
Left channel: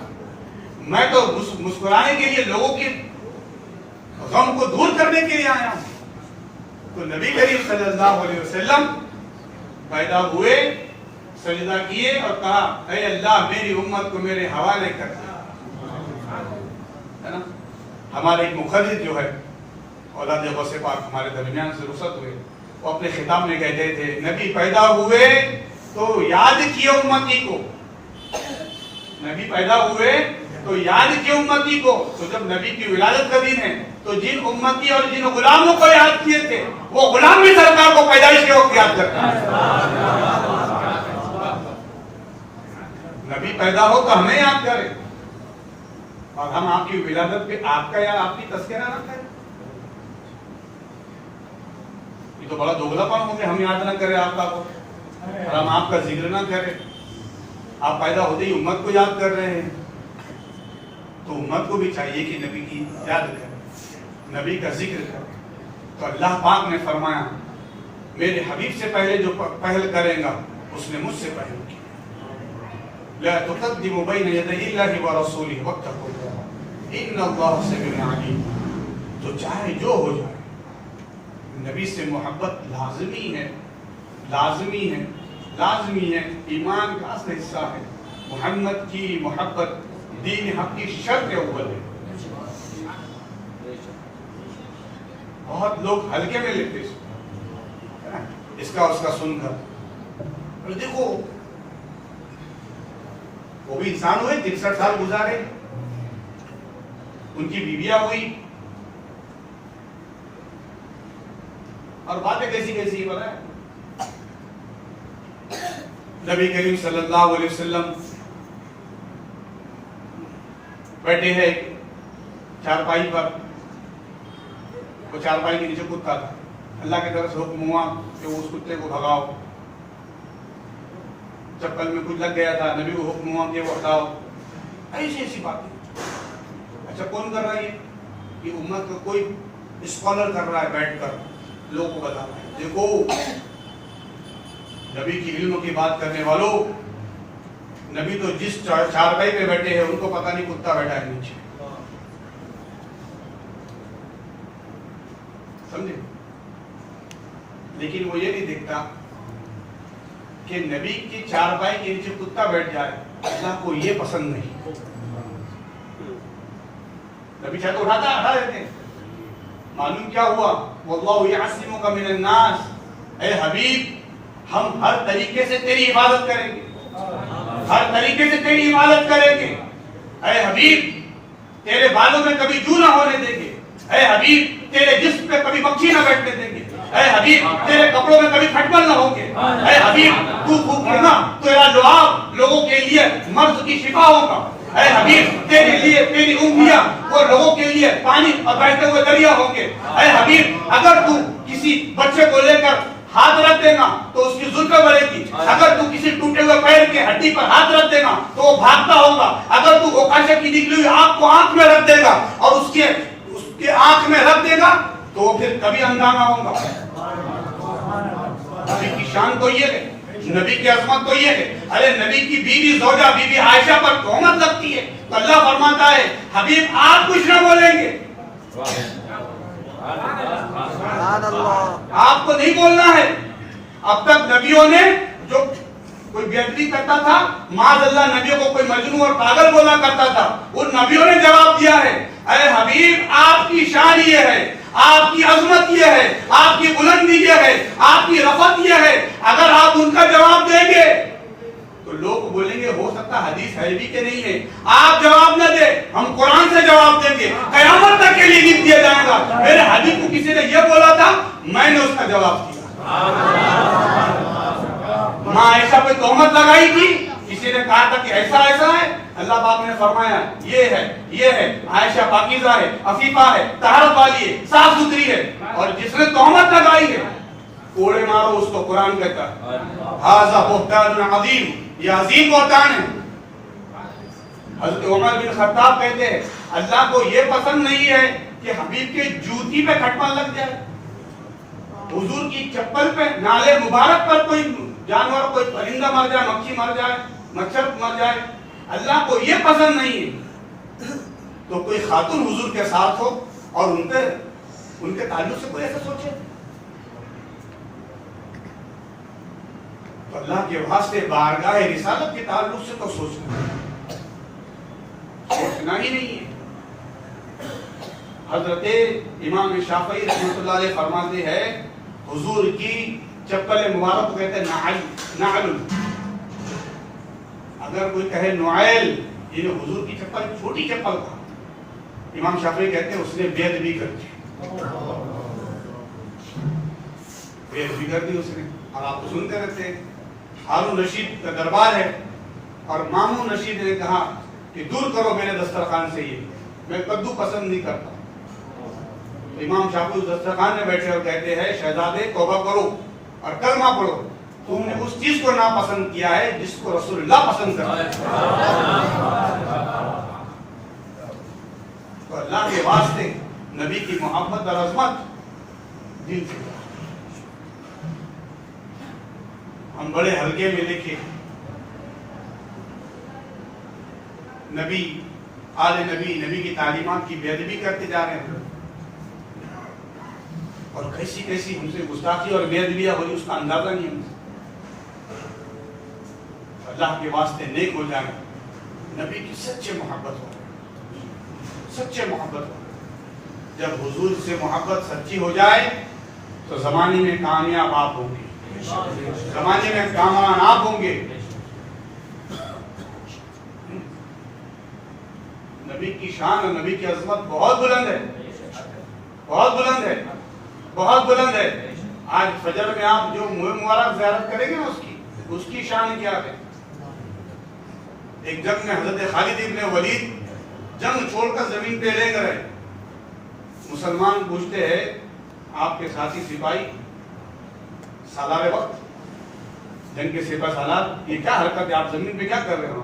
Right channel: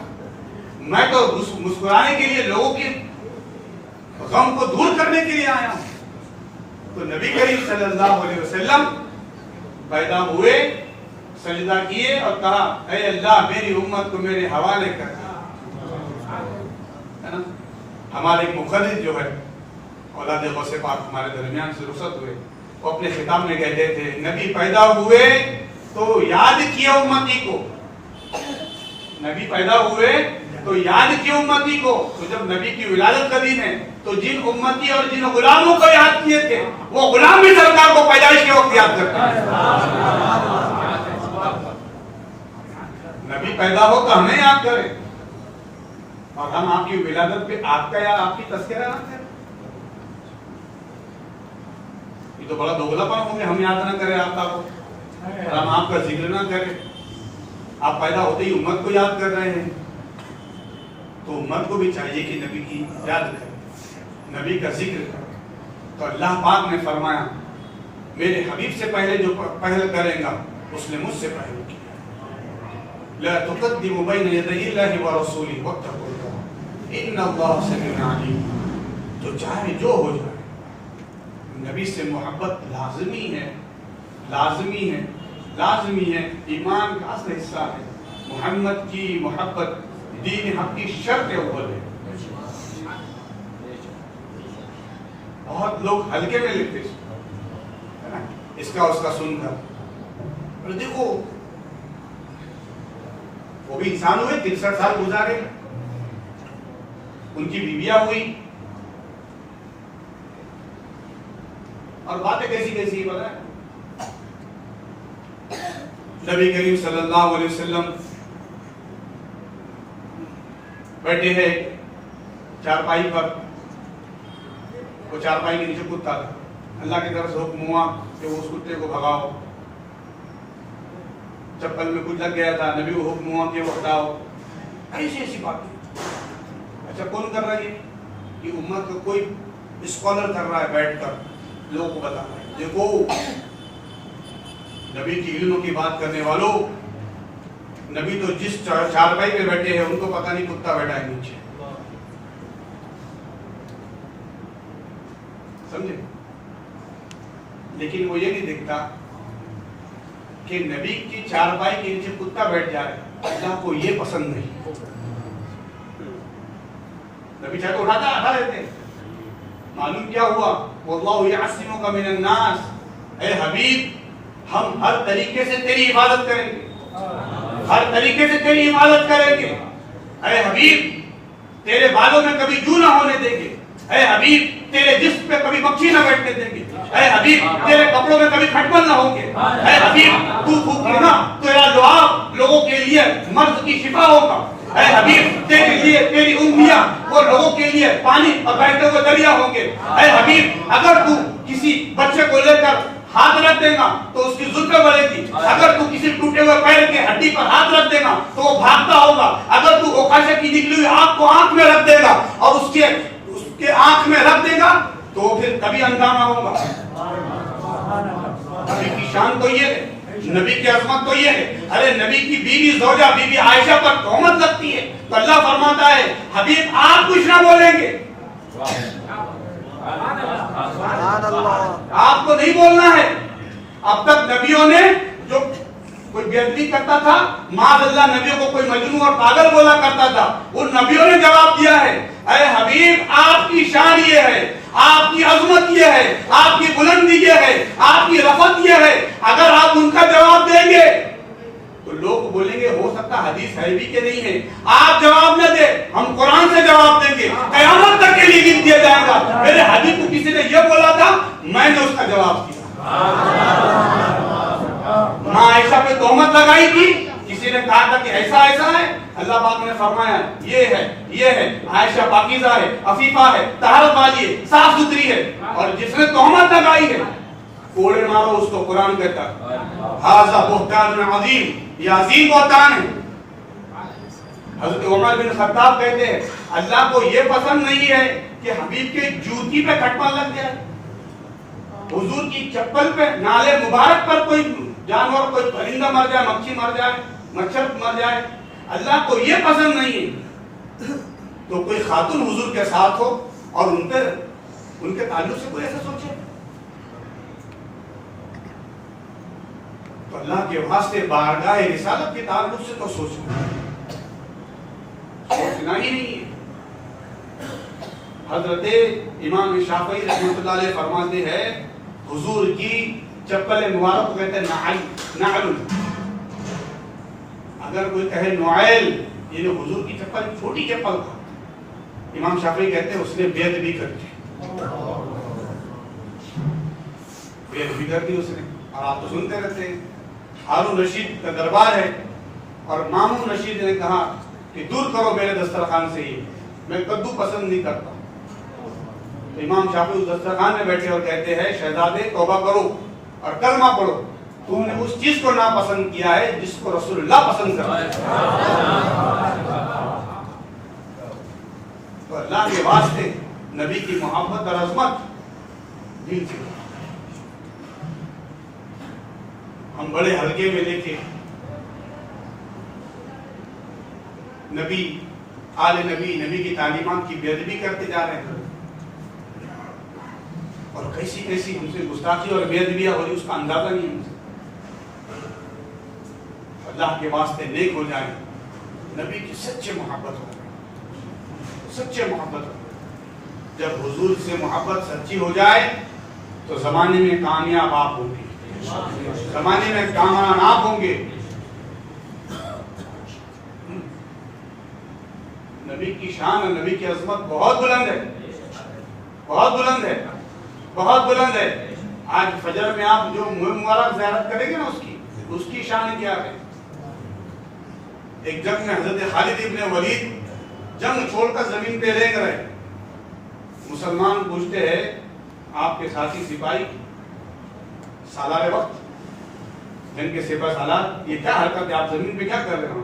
میں تو مسکرانے کے لیے لوگوں کے غم کو دور کرنے کے لیے آیا ہوں. تو نبی کریم صلی اللہ علیہ وسلم پیدا ہوئے, سجدہ کیے اور کہا اے اللہ میری امت کو میرے حوالے کر دیا. ہمارے ایک مخرج جو ہے اولاد غوث پاک ہمارے درمیان سے رخصت ہوئے, وہ اپنے خطاب میں کہتے تھے نبی پیدا ہوئے تو یاد کیے امتی کو, نبی پیدا ہوئے تو یاد کیے امتی کو. تو جب نبی کی ولادت کا دن ہے تو جن امتی اور جن غلاموں کو یاد کیے تھے وہ غلام بھی سرکار کو پیدائش کے وقت یاد کرتے ہیں. نبی پیدا ہو تو ہمیں یاد کرے اور ہم آپ کی ولادت پہ آپ کا یا آپ کی تذکرہ نہ کریں. یہ تو بڑا دوگلا پن ہو گیا, ہم یاد نہ کریں آپ کو اور ہم آپ کا ذکر نہ کریں. آپ پیدا ہوتے ہی امت کو یاد کر رہے ہیں, تو امت کو بھی چاہیے کہ نبی کی یاد کرے, نبی کا ذکر کرے. تو اللہ پاک نے فرمایا میرے حبیب سے پہلے جو پہل کرے گا اس نے مجھ سے پہل کیا. لا تقدموا بین یدی اللہ ورسولہ واتقوا اللہ ان اللہ سمیع علیم. تو چاہے جو ہو جائے نبی سے محبت لازمی ہے, لازمی ہے, لازمی ہے. ایمان کا اصل حصہ ہے. محمد کی محبت دین حق کی شرط اول ہے. بہت لوگ ہلکے میں لیتے ہیں, اس کا سن کر. اور دیکھو وہ بھی انسان ہوئے, 63 سال گزارے, ان کی بیویاں ہوئی, اور باتیں کیسی کیسی پتہ ہے. نبی کریم صلی اللہ علیہ وسلم بیٹھے ہیں چارپائی پر, وہ چارپائی کے نیچے کتا تھا, اللہ کی طرف سے حکم ہوا کہ وہ اس کتے کو بھگاؤ. چپل میں کچھ لگ گیا تھا, نبی کو حکم ہوا کہ وہ ہٹاؤ. ایسی ایسی باتیں. اچھا کون کر رہا ہے یہ امت کو کوئی اسکالر کر رہا ہے بیٹھ کر لوگوں کو بتا رہا ہے. دیکھو نبی کی علم کی بات کرنے والوں, نبی تو جس چارپائی پہ بیٹھے ہیں ان کو پتہ نہیں کتا بیٹھا ہے نیچے, سمجھے. لیکن وہ یہ نہیں دیکھتا کہ نبی کی چارپائی کے نیچے کتا بیٹھ جائے, اللہ کو یہ پسند نہیں. نبی چاہے تو ہٹا دیتے. معلوم کیا ہوا, واللہ یعصمک من الناس, اے حبیب ہم ہر طریقے سے تیری حفاظت کریں گے, ہر طریقے سے تیری حفاظت کریں گے. اے حبیب تیرے بالوں میں کبھی جو نہ ہونے دیں گے. اے حبیب تیرے جسم پہ کبھی مکھی نہ بیٹھنے دیں گے. اے حبیب تیرے کپڑوں میں کبھی کھٹمل نہ ہوں گے. اے حبیب تو پھوکنا تیرا لعاب لوگوں کے لیے مرض کی شفا ہوگا. اے حبیب تیرے لیے تیری انگلیاں وہ لوگوں کے لیے پانی اور بہتے ہوئے دریا ہوں گے. اے حبیب اگر تو کسی بچے کو لے کر ہاتھ رکھ دے گا تو اس کی زلفیں بڑھے گی. اگر تو کسی ٹوٹے ہوئے پیر کے ہڈی پر ہاتھ رکھ دے گا تو وہ بھاگتا ہوگا. اگر تو اوکاشے کی نکلی ہوئی آنکھ کو آنکھ میں رکھ دے گا اور اس کے آنکھ میں رکھ دے گا تو وہ پھر کبھی اندھا نہ ہوگا. نبی کی شان تو یہ ہے, نبی کی عظمت تو یہ ہے. ارے نبی کی بیوی زوجہ بی بی عائشہ پر تہمت لگتی ہے تو اللہ فرماتا ہے حبیب آپ کچھ نہ بولیں گے, آپ کو نہیں بولنا ہے. اب تک نبیوں نے جو کوئی بے ادبی کرتا تھا, معاذ اللہ نبیوں کو کوئی مجنون اور پاگل بولا کرتا تھا, ان نبیوں نے جواب دیا ہے اے حبیب آپ کی شان یہ ہے, آپ کی عظمت یہ ہے, آپ کی بلندی یہ ہے, آپ کی رفعت یہ ہے. اگر آپ ان کا جواب دیں گے تو لوگ بولیں گے ہو سکتا حدیث ہے بھی کہ نہیں ہے. آپ جواب نہ دیں, ہم قرآن سے جواب دیں گے, قیامت تک کے لیے لکھ دیا جائے گا. میرے حبیب کو کسی نے یہ بولا تھا, میں نے اس کا جواب دیا. ماں عائشہ پہ تہمت لگائی تھی, کسی نے کہا تھا کہ ایسا ایسا ہے, اللہ پاک نے فرمایا یہ ہے عائشہ پاکیزہ ہے, عفیفہ ہے, طہارت والی ہے, صاف ستھری ہے. اور جس نے تہمت لگائی ہے کوڑے مارو اس کو. قرآن کہتا ہے ھذا بہتان عظیم, یہ عظیم بہتان ہے. حضرت عمر بن خطاب کہتے ہیں اللہ کو یہ پسند نہیں ہے کہ حبیب کے جوتی پہ کھٹمل لگ جائے, حضور کی چپل پہ, نالے مبارک پر کوئی جانور, کوئی پرندہ مر جائے, مکھی مر جائے, مچھر مر جائے. اللہ کو یہ پسند نہیں ہے. تو کوئی خاتون حضور کے ساتھ ہو اور ان کے تعلق سے کوئی ایسا سوچے تو اللہ کے واسطے بارگاہ رسالت کے تعلق سے تو سوچنا ہی نہیں ہے. حضرت امام شافعی رحمۃ اللہ علیہ فرماتے ہیں حضور کی چپل مبارک کو کہتے ہیں نعل. اگر کوئی کہے نعیل, یہ حضور کی چپل چھوٹی چپل تھا, امام شافعی کہتے ہیں اس نے بے ادبی کر دی, بے ادبی کر دی اس نے. اور آپ تو سنتے رہتے ہیں ہارون رشید کا دربار ہے اور مامون رشید نے کہا کہ دور کرو میرے دسترخوان سے, یہ میں کدو پسند نہیں کرتا. امام شافعی اس دسترخوان میں بیٹھے اور کہتے ہیں شہزادے توبہ کرو اور کلمہ پڑھو, تم نے اس چیز کو ناپسند کیا ہے جس کو رسول اللہ پسند کرتے ہیں. تو اللہ کے واسطے نبی کی محبت اور عظمت دل سے, ہم بڑے ہلکے میں دیکھیں نبی آل نبی کی تعلیمات کی بے ادبی کرتے جا رہے ہیں, اور کیسی ہم سے گستاخی اور بے ادبیاں ہو رہی اس کا اندازہ نہیں ہم سے. اللہ کے واسطے نیک ہو جائیں, نبی کی سچے محبت ہو, سچے محبت ہو. جب حضور سے محبت سچی ہو جائے تو زمانے میں کامیاب آپ ہوگی. زمانے میں کامیاب آپ ہوں گے. نبی کی شان اور نبی کی عظمت بہت بلند ہے, بہت بلند ہے, بہت بلند ہے. آج فجر میں آپ جو مبارک زیارت کریں گے نا اس کی شان کیا ہے. ایک جنگ میں حضرت خالد ابن ولید جنگ چھوڑ کر زمین پہ رینگ رہے. مسلمان پوچھتے ہیں آپ کے ساتھی سپاہی سالار وقت جنگ کے سپاہی سالار, یہ کیا حرکت ہے, آپ زمین پہ کیا کر رہے ہو؟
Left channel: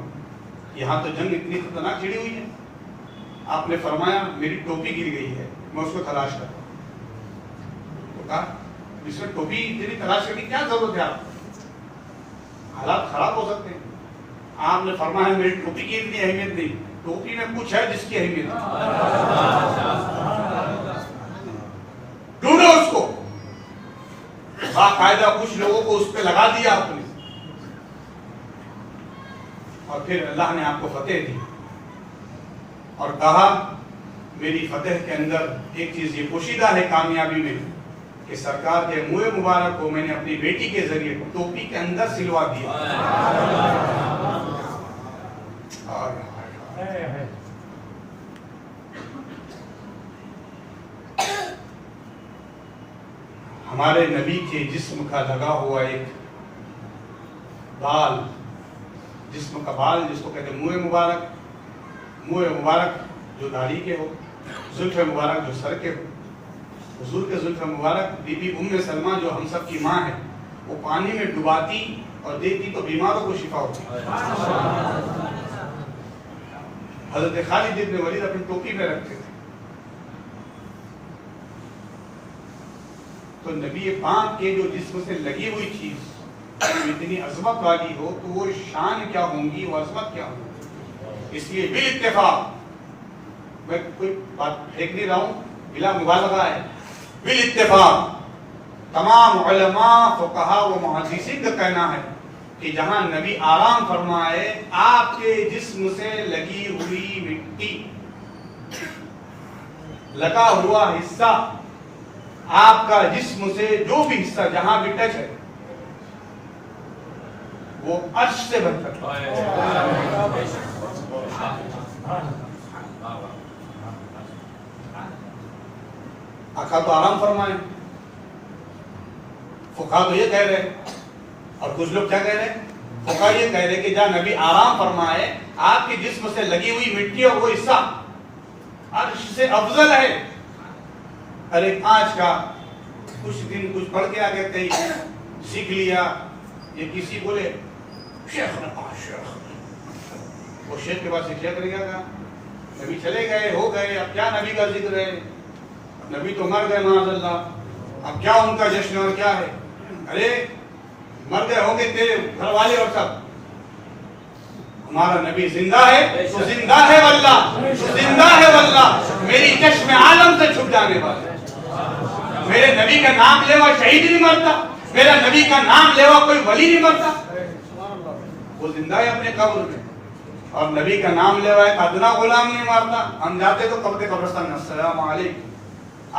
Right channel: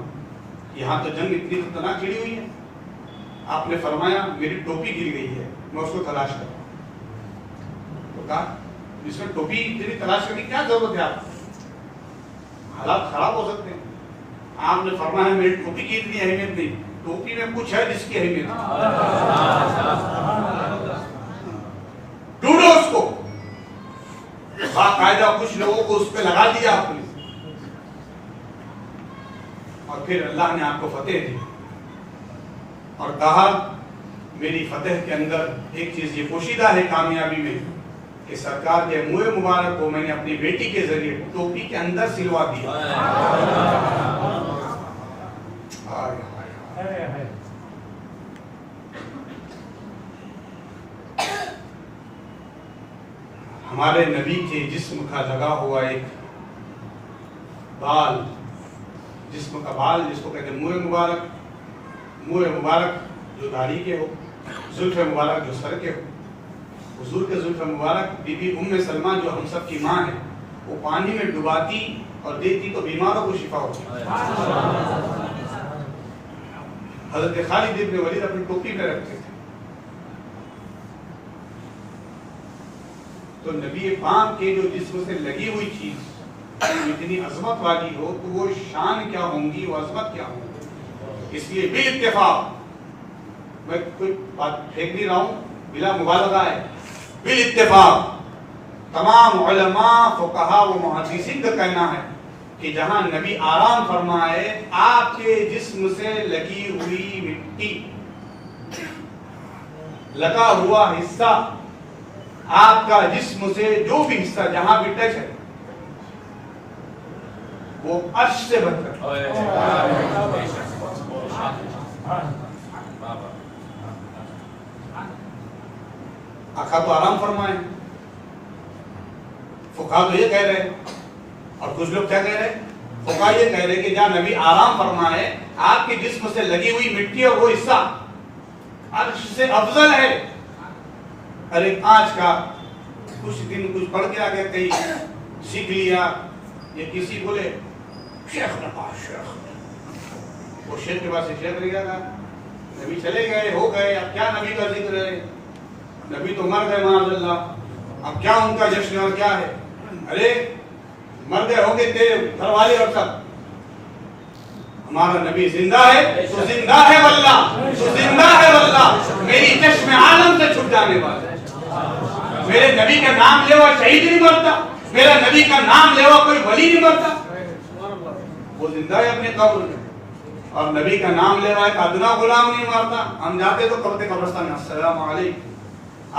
یہاں تو جنگ اتنی خطرناک چھڑی ہوئی ہے. آپ نے فرمایا میری ٹوپی گر گئی ہے, میں اس کو تلاش کرتا ہوں. تو کہا اس میں ٹوپی تیری تلاش کرنے کی کیا ضرورت ہے, آپ حالات خراب ہو سکتے ہیں. آپ نے فرمایا میری ٹوپی کی اتنی اہمیت نہیں, ٹوپی میں کچھ ہے جس کی اہمیت ہے. ڈھونڈو اس کو. باقاعدہ کچھ لوگوں کو اس پہ لگا دیا آپ نے, اور پھر اللہ نے آپ کو فتح دی اور کہا میری فتح کے اندر ایک چیز یہ پوشیدہ ہے کامیابی میں کہ سرکار کے منہ مبارک کو میں نے اپنی بیٹی کے ذریعے ٹوپی کے اندر سلوا دیا. ہمارے نبی کے جسم کا لگا ہوا ایک بال, جسم کا بال جس کو کہتے ہیں منہ مبارک, منہ مبارک جو داڑھی کے ہو, زلف مبارک جو سر کے ہو. حضور کے زلف مبارک بی بی ام سلمہ جو ہم سب کی ماں ہے, وہ پانی میں ڈباتی اور دیتی تو بیماروں کو شفا ہوتی. حضرت خالد ابن ولید اپنی ٹوپی میں رکھتے تھے. تو نبی پاک کے جو جسم سے لگی ہوئی چیز اتنی عظمت والی ہو تو وہ شان کیا ہوں گی, وہ عظمت کیا ہوں گی. اس لیے بالاتفاق, میں کوئی بات پھینک نہیں رہا ہوں, بلا مبالغہ ہے, بالاتفاق تمام علماء فقہاء و محدثین کا کہنا ہے کہ جہاں نبی آرام فرمائے آپ کے جسم سے لگی ہوئی مٹی, لگا ہوا حصہ, آپ کا جسم سے جو بھی حصہ جہاں بھی ٹچ ہے وہ عرش سے بہتر. آقا تو آرام فرمائے, فقہا تو یہ کہہ رہے, اور کچھ لوگ کیا کہہ رہے, فقہا یہ کہہ رہے کہ جہاں نبی آرام فرمائے آپ کے جسم سے لگی ہوئی مٹی اور وہ حصہ عرش سے افضل ہے. ارے آج کا کچھ دن کچھ پڑھ کے آگے کہیں سیکھ لیا, یہ کسی بولے شیخ نے کہا شیخ, وہ شیخ کے پاس ایک شیخ رہ گیا تھا, نبی چلے گئے ہو گئے, اب کیا نبی کا ذکر ہے, نبی تو مر گئے معاذ اللہ, اب کیا ان کا جشن اور کیا ہے. ارے مر گئے ہوں گے تیرے گھر والے اور سب, ہمارا نبی زندہ ہے تو زندہ ہے واللہ, تو زندہ ہے واللہ, میری چشم عالم سے چھپ جانے والا. میرے نبی کا نام لے ہوا شہید نہیں مرتا, میرا نبی کا نام لے ہوا کوئی ولی نہیں مرتا, وہ زندہ ہے اپنے قبر میں. اور نبی کا نام لے ہوا ایک ادنا غلام نہیں مرتا. ہم جاتے تو قبرستان میں السلام علیکم,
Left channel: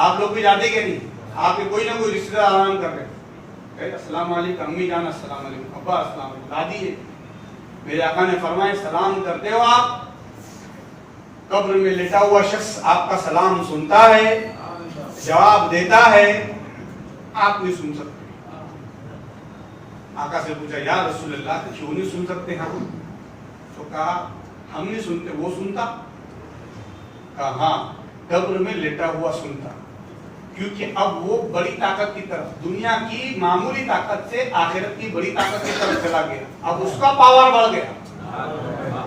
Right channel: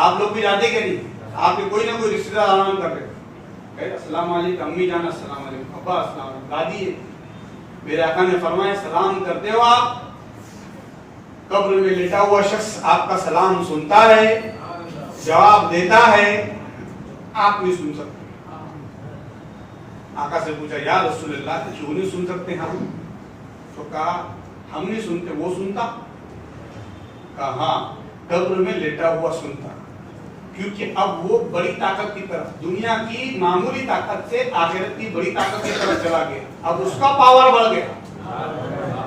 آپ لوگ بھی جاتے کہ نہیں, آپ کے کوئی نہ کوئی رشتہ دار آرام کر رہے, السلام علیکم امی جانا, السلام علیکم ابا, السلام علیکم دادی ہے. میرے آقا نے فرمایا سلام کرتے ہو آپ, قبر میں لیٹا ہوا شخص آپ کا سلام سنتا ہے, جواب دیتا ہے, آپ نہیں سن سکتے. آقا سے پوچھا یا رسول اللہ کیوں نہیں سن سکتے ہم, تو کہا ہم نہیں سنتے, وہ سنتا. کہا ہاں قبر میں لیٹا ہوا سنتا, کیونکہ اب وہ بڑی طاقت کی طرف, دنیا کی معمولی طاقت سے آخرت کی بڑی طاقت کی طرف چلا گیا. اب اس کا پاور بڑھ گیا,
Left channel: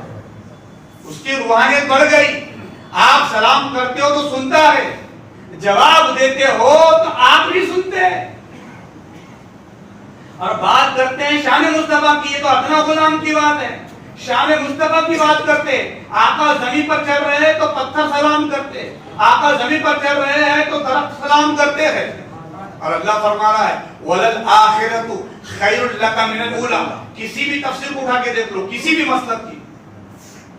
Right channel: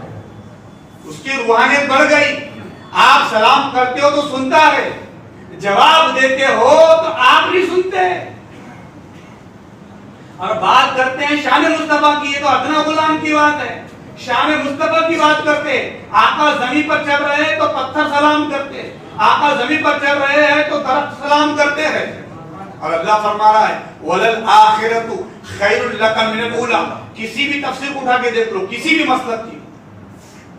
اس کی روحانیت بڑھ گئی. آپ سلام کرتے ہو تو سنتا ہے, جواب دیتے ہو تو آپ نہیں سنتے. اور بات کرتے ہیں شان مصطفیٰ کی, یہ تو ادنا غلام کی بات ہے. شان مصطفیٰ کی بات کرتے, آقا زمین پر چل رہے تو پتھر سلام کرتے, آقا زمین پر چل رہے ہیں تو درخت سلام کرتے ہیں. اور اللہ فرما رہا ہے وَلَلْآخِرَةُ خَيْرٌ لَكَ مِنَ الْأُولَىٰ. کسی بھی تفسیر کو اٹھا کے دیکھ لو, کسی بھی مسلک کی,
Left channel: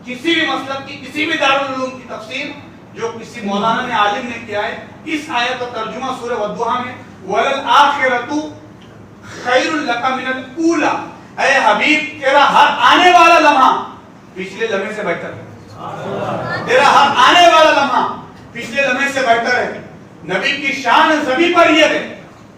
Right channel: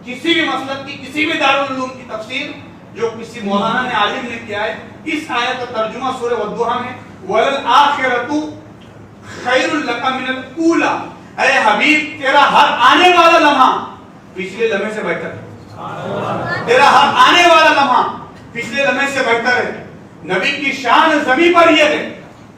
کسی بھی مسلک کی, کسی بھی دارالعلوم کی تفسیر جو کسی مولانا نے عالم نے کیا ہے, اس آیت کا ترجمہ سورہ والضحیٰ میں وَلَلْآخِرَةُ خیر لک من الاولی، اے حبیب تیرا ہر آنے والا لمحہ پچھلے لمحے سے بہتر ہے، تیرا ہر آنے والا لمحہ پچھلے لمحے سے بہتر ہے۔ نبی کی شان زمین پر یہ ہے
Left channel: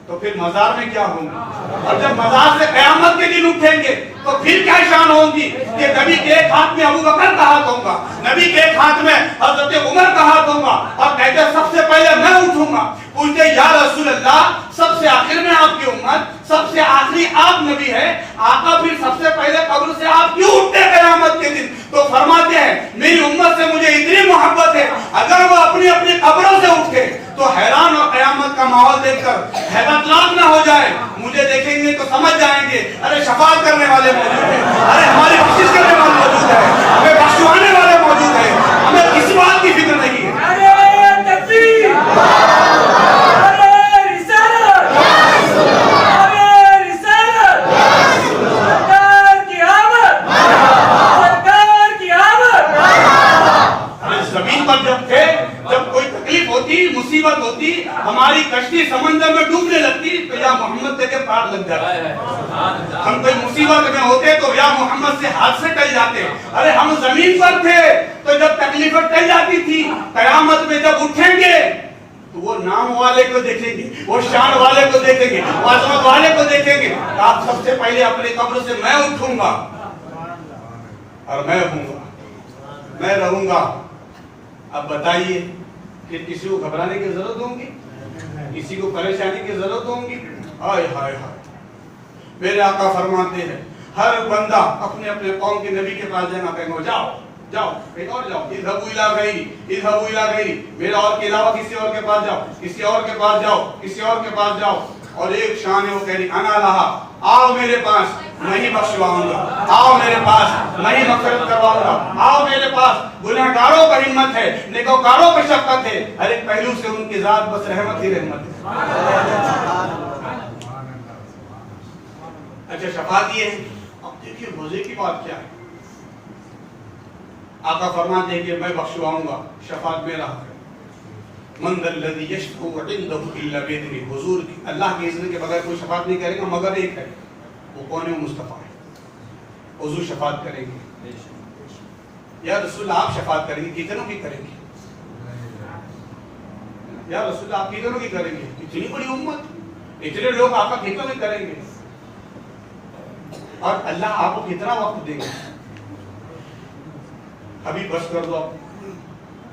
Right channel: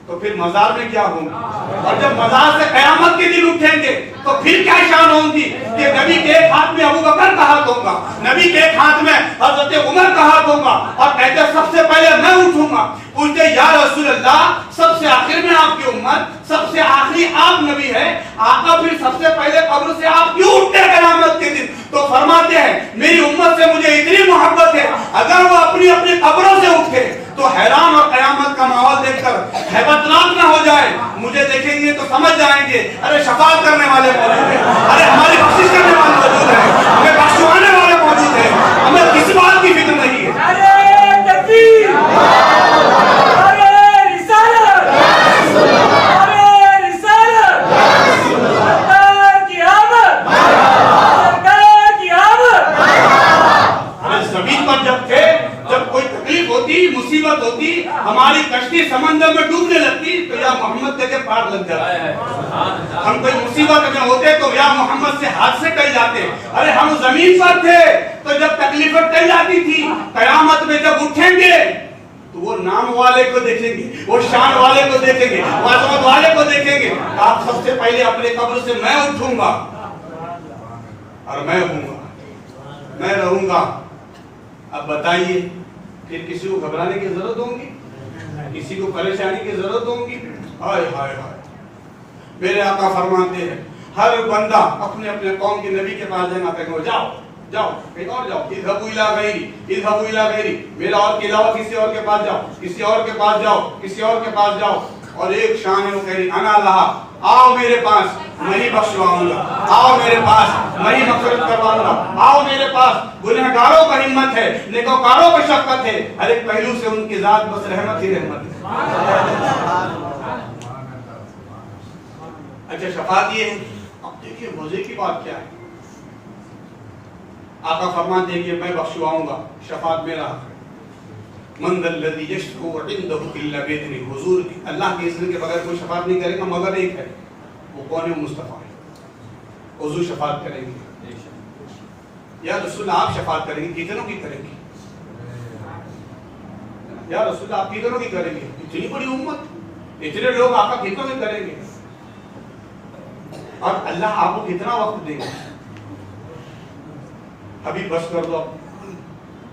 تو پھر مزار میں کیا ہوگا، اور جب مزار سے قیامت کے دن اٹھیں گے تو پھر کیا شان ہوگی کہ نبی کے ایک ہاتھ میں ابو بکر کا ہاتھ ہوگا، نبی کے ایک ہاتھ میں حضرت عمر کا ہاتھ ہوگا، اور کہتے سب سے پہلے میں اٹھوں گا۔ پوچھتے یا رسول اللہ سب سے آخر میں آپ کی امت، سب سے آخری آپ نبی ہے آقا، پھر سب سے پہلے قبر سے آپ کیوں اٹھتے قیامت کے دن؟ تو فرماتے ہیں میری امت سے مجھے اتنی محبت ہے اگر وہ اپنی اپنی قبروں سے اٹھے تو حیران اور قیامت کا ماحول دیکھ کر حیرت نہ ہو جائے، مجھے دیکھیں گے تو سمجھ جائیں گے ارے شفاعت کرنے والے موجود ہیں، ارے ہماری بخشش کرنے والے موجود ہیں، ہمیں بخشوانے والے موجود ہیں، ہمیں کسی بات کی فکر نہیں ہے۔ نعرہ تکبیر، نعرہ رسالت، نعرہ رسالت، سرکار کی آمد، سرکار کی آمد۔ زمین پر جب کوئی تکلیف ہوتی، مصیبت ہوتی، ہماری کشتی سمندر میں ڈوبنے لگتی تو یا محمد کے پار لگ جاتے، ہم کوئی مصیبت میں ہوتے تو یا محمد سے ہاتھ سے ٹل جاتے۔ ارے ہم زمین پر تھے تو جب تکلیفیں ٹل جاتی تھی، قیامت میں جب اٹھیں گے تو وہ نام والے کو دیکھیں گے، وہ شان والے کو دیکھیں گے، وہ عظمت والے کو دیکھیں گے۔ آپ سب سے پہلے اپنے قبر سے میں اٹھوں گا اور میں ہوں گا، میں رہوں گا۔ اب بتائیے کہ کسی کو گھبرانے کی ضرورت ہوگی، کسی کو پریشانی کی ضرورت ہوگی؟ ہائے ہائے ہائے، میرے آقا فرماتے ہیں ہر بندہ اپنے اپنے قوم کے نبی کے پاس جائے گا، کہیں گے جاؤ جاؤ کہیں اور جاؤ، اذهبوا الى غیری، اذهبوا الى غیری، میرا اور کے علاوہ کسی اور کے پاس جاؤ، کسی اور کے پاس جاؤ، کسی اور کے پاس جاؤ۔ اور ایک شان ہے وہ کہہ رہی انا لہا، آؤ میرے پاس میں ہی بخشواؤں گا، آؤ میرے پاس میں ہی مغفرت کرواؤں گا، آؤ میرے پاس۔ گنہگاروں کا ہمت ہے، نیکوکاروں کی شفقت ہے، ہر ایک پہلو سے ان کی ذات بس رحمت ہی رحمت ہے۔ اچھا شفاعت یہ ہے، اب دیکھیے مزے کی بات کیا ہے۔ آقا فرماتے ہیں کہ میں بخشواؤں گا، شفاعت میرا حق ہے۔ من ذا الذی یشفع عنده الا باذنہ، حضور اللہ کے اذن کے بغیر کوئی شفاعت نہیں کرے گا مگر ایک ہے، وہ کون ہے؟ مصطفیٰ ہے، حضور شفاعت کریں گے۔ یا رسول آپ شفاعت کریں گے، کتنوں کی کریں گے؟ یا رسول آپ کتنوں کی کریں گے؟ اتنی بڑی امت، اتنے لوگ آقا کتنوں کی کریں گے؟ اور اللہ آپ کو کتنا وقت دیں گے؟ ابھی بس کر دو،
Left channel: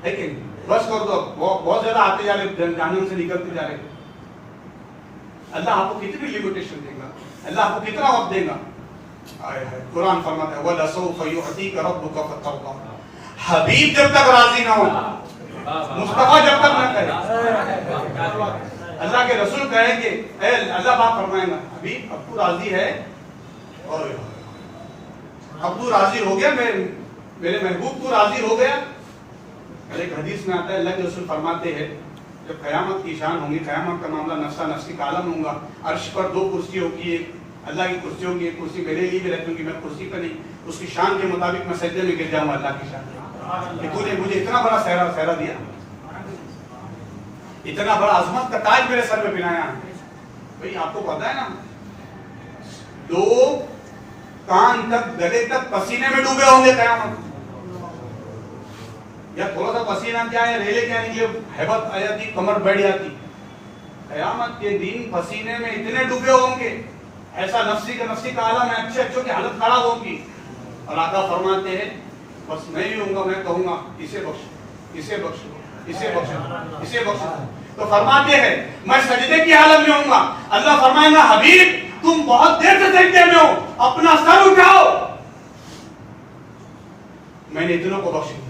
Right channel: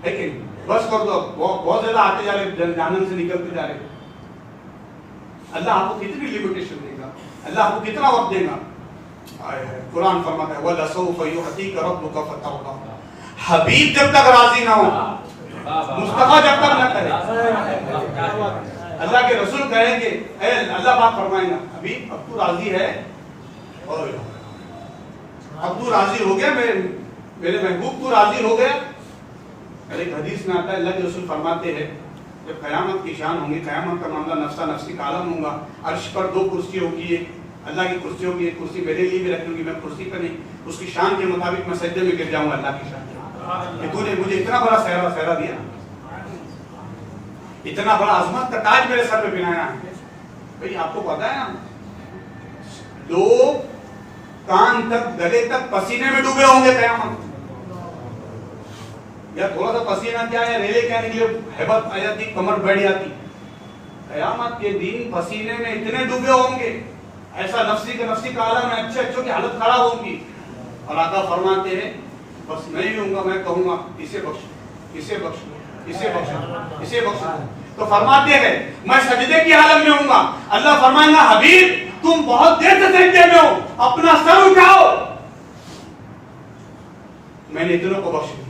ہے کہ بس کر دو، بہت زیادہ آتے جا رہے، جہنم سے نکلتے جا رہے۔ اللہ آپ کو کتنی لیمیٹیشن دے گا، اللہ آپ کو کتنا وقت دے گا؟ قرآن فرماتا ہے وَلَسَوْفَ يُعْطِيكَ رَبُّكَ فَتَرْضَىٰ، حبیب جب تک راضی نہ ہو، مصطفیٰ جب تک نہ کرے، اللہ کے رسول کہیں گے اے اللہ پاک فرمائیں گا حبیب اب تو راضی ہے، اور اب تو راضی ہو گیا، میرے محبوب تو راضی ہو گیا۔ ایک حدیث میں آتا ہے اللہ کے رسول فرماتے ہیں جب قیامت کی شان ہوں گی، قیامت کا معاملہ نفسا نفسی کا عالم ہوگا، عرش پر دو کرسی ہوگی، ایک اللہ کی کرسی ہوگی، ایک کرسی میرے لیے بھی رکھوں گی، میں کرسی پر نہیں، اس کی شان کے مطابق میں سجدے میں گر جاؤں گا اللہ کی شان کہ تو نے مجھے اتنا بڑا سہرا دیا، اتنا بڑا عظمت کا تاج میرے سر پہ پہنایا۔ بھئی آپ کو پتا ہے نا، لوگ کان تک گلے تک پسینے میں ڈوبے ہوں گے قیامت، یا تھوڑا سا پسینہ کیا ہے ریلے کیا نکلے ہیبت آ جاتی، کمر بیٹھ جاتی۔ قیامت کے دن پسینے میں اتنے ڈوبے ہوں گے، ایسا نفسی کا عالم ہے، اچھے اچھوں کی حالت خراب ہوگی۔ اور آقا فرماتے ہیں بس میں ہی ہوں گا، میں کہوں گا اسے بخشو، اسے بخشو، اسے بخشو، اسے بخشو۔ تو فرماتے ہیں میں سجدے کی حالت میں ہوں گا، اللہ فرمائے گا حبیب تم بہت دیر سے سجدے میں ہو، اپنا سر اٹھاؤ، میں نے اتنوں کو بخش دیا،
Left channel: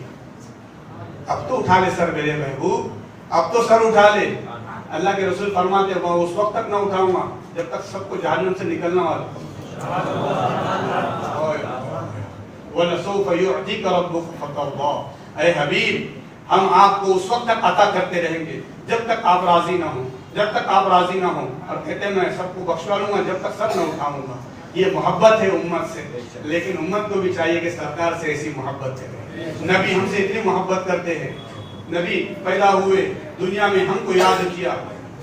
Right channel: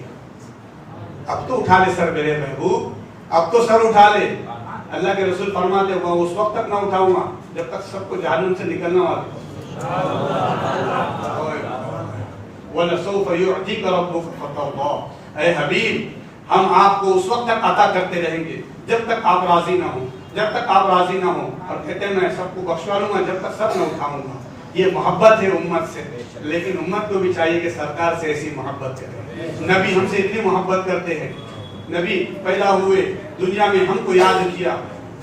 اب تو اٹھا لے سر میرے محبوب، اب تو سر اٹھا لے۔ اللہ کے رسول فرماتے ہیں وہ اس وقت تک نہ اٹھاؤں گا جب تک سب کو جہنم سے نکلنا والے۔ وَلَسَوْفَ يُعْطِيكَ رَبُّكَ فَتَرْضَىٰ، اے حبیب ہم آپ کو اس وقت تک عطا کرتے رہیں گے جب تک آپ راضی نہ ہوں، جب تک آپ راضی نہ ہوں۔ اور کہتے ہیں میں سب کو بخشوا لوں گا جب تک سب نہ اٹھاؤں گا۔ یہ محبت ہے امت سے، لیکن امت کو بھی چاہیے کہ سرکار سے ایسی محبت کرے۔ نبی ہم سے اتنی محبت کرتے ہیں، نبی پیدا ہوئے دنیا میں ہم کو یاد کیا،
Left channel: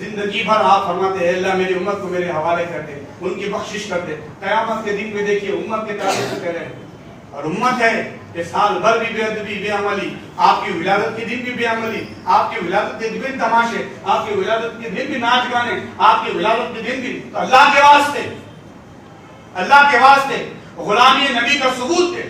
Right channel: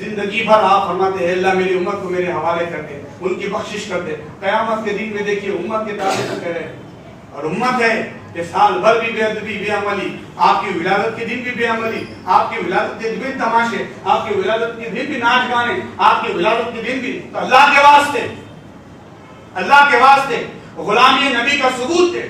زندگی بھر آپ فرماتے ہیں اللہ میری امت کو میرے حوالے کر دے، ان کی بخشش کر دے. قیامت کے دن میں دیکھیے امت کے تعلق کرے، اور امت ہے کہ سال بھر بھی بے ادبی بے عملی، آپ کی ولادت کے دن بھی بے عملی، آپ کی ولادت کے دن بھی تماشے، آپ کی ولادت کے دن بھی ناچ گانے، آپ کی ولادت کے دن بھی. تو اللہ کے واسطے، اللہ کے واسطے غلامی نبی کا ثبوت ہے.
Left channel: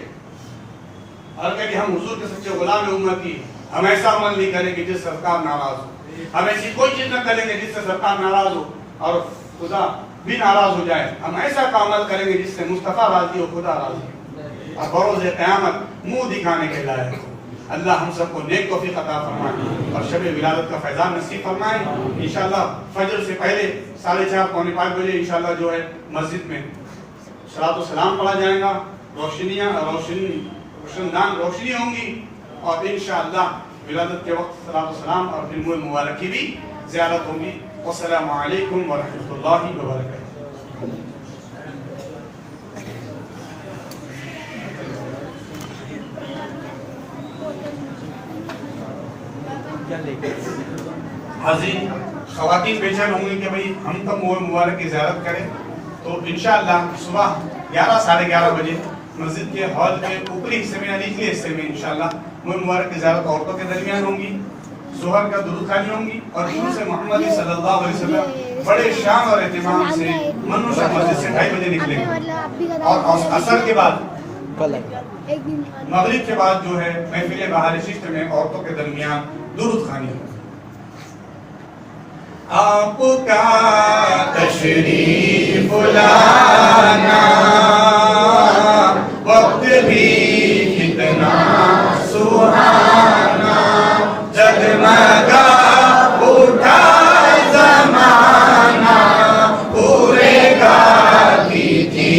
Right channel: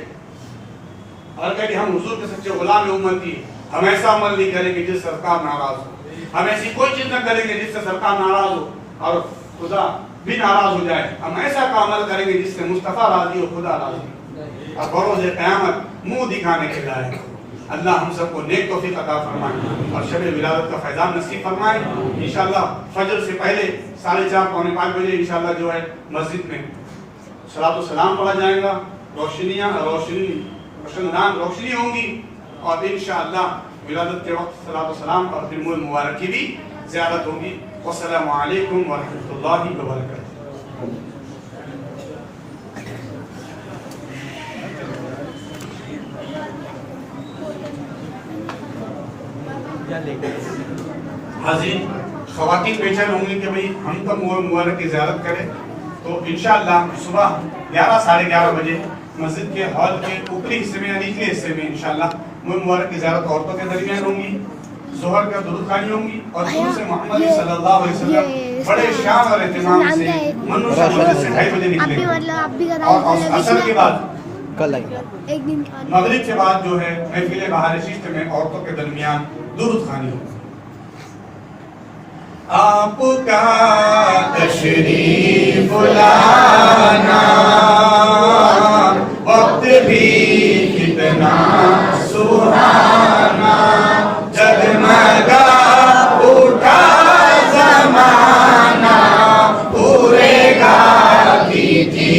اور کہ ہم حضور کے سچے غلام امتی، ہم ایسا عمل نہیں کریں گے جس سے سرکار ناراض ہو، ہم ایسی کوئی چیز نہ کریں گے جس سے سرکار ناراض ہو اور خدا بھی ناراض ہو جائے. ہم ایسا کا عمل کریں گے جس سے مصطفیٰ راضی ہو، خدا راضی ہو، اور بروز قیامت منہ دکھانے کے لائق ہو. اللہ ہم سب کو نیک توفیق عطا فرمائے اور شب ولادت کا فیضان نصیب فرمائے. انشاءاللہ فجر سے پہلے 4:30 پونے 5 بجے انشاءاللہ جو ہے مسجد میں صلاۃ و سلام پڑھا جائے گا. روشنی ہوں گی اور انشاءاللہ ولادت کے وقت صلاۃ و سلام اور دن مبارک کی بھی زیارت ہوگی. والسلام علیکم ورحمۃ اللہ وبرکاتہ. حاضرین خواتین بیچین ہوں گے کہ بھئی ہم تو مبارک کی زیارت کریں، تو انشاءاللہ صبح 11 ساڑھے 11 بجے مسجد کے ہال کے اوپری حصے میں یا نچلے حصے میں انشاءاللہ مبارک کی زیارت عورتوں کے درمیان ہوں گی. ظہر کا درود خوانی ہوں گی اور درود سے محمد صلی اللہ علیہ وسلم بڑے شان اور اہتمام سے منوشہ مسجد سے 2:30 بجے نکلیں گے. اور عصر کے بعد مغرب کے بعد جو ہے محفل بہار ششت میں عورتوں کے درمیان درود خوانی ہوگی. آپ کا تشریف لانا وقت بھی کتنا سہانا، جگمگا اٹھا زمانہ پورے گاتی تھی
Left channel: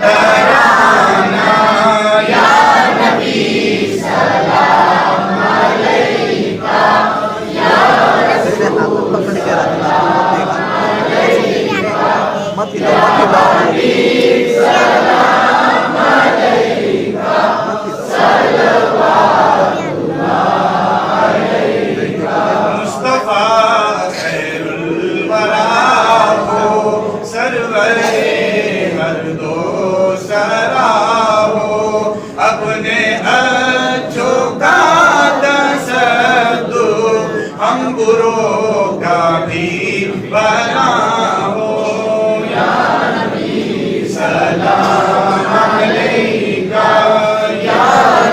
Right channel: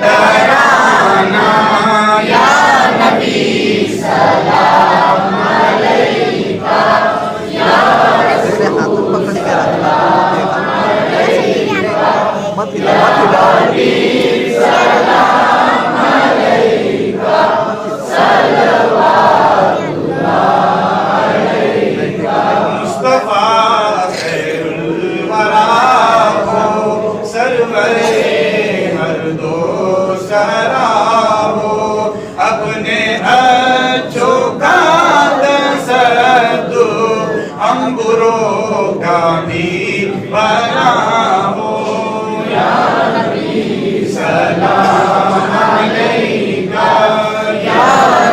ترانہ. یا نبی سلام علیکہ، ہاتھ پکڑ کے رکھنا مت ہلاؤ. مصطفیٰ خیر الورا ہو، سرور ہر دو سرا ہو، اپنے اچھوں کا تصدو ہم بروں کا بھی بنا ہو. یا نبی سلام علیکہ، یا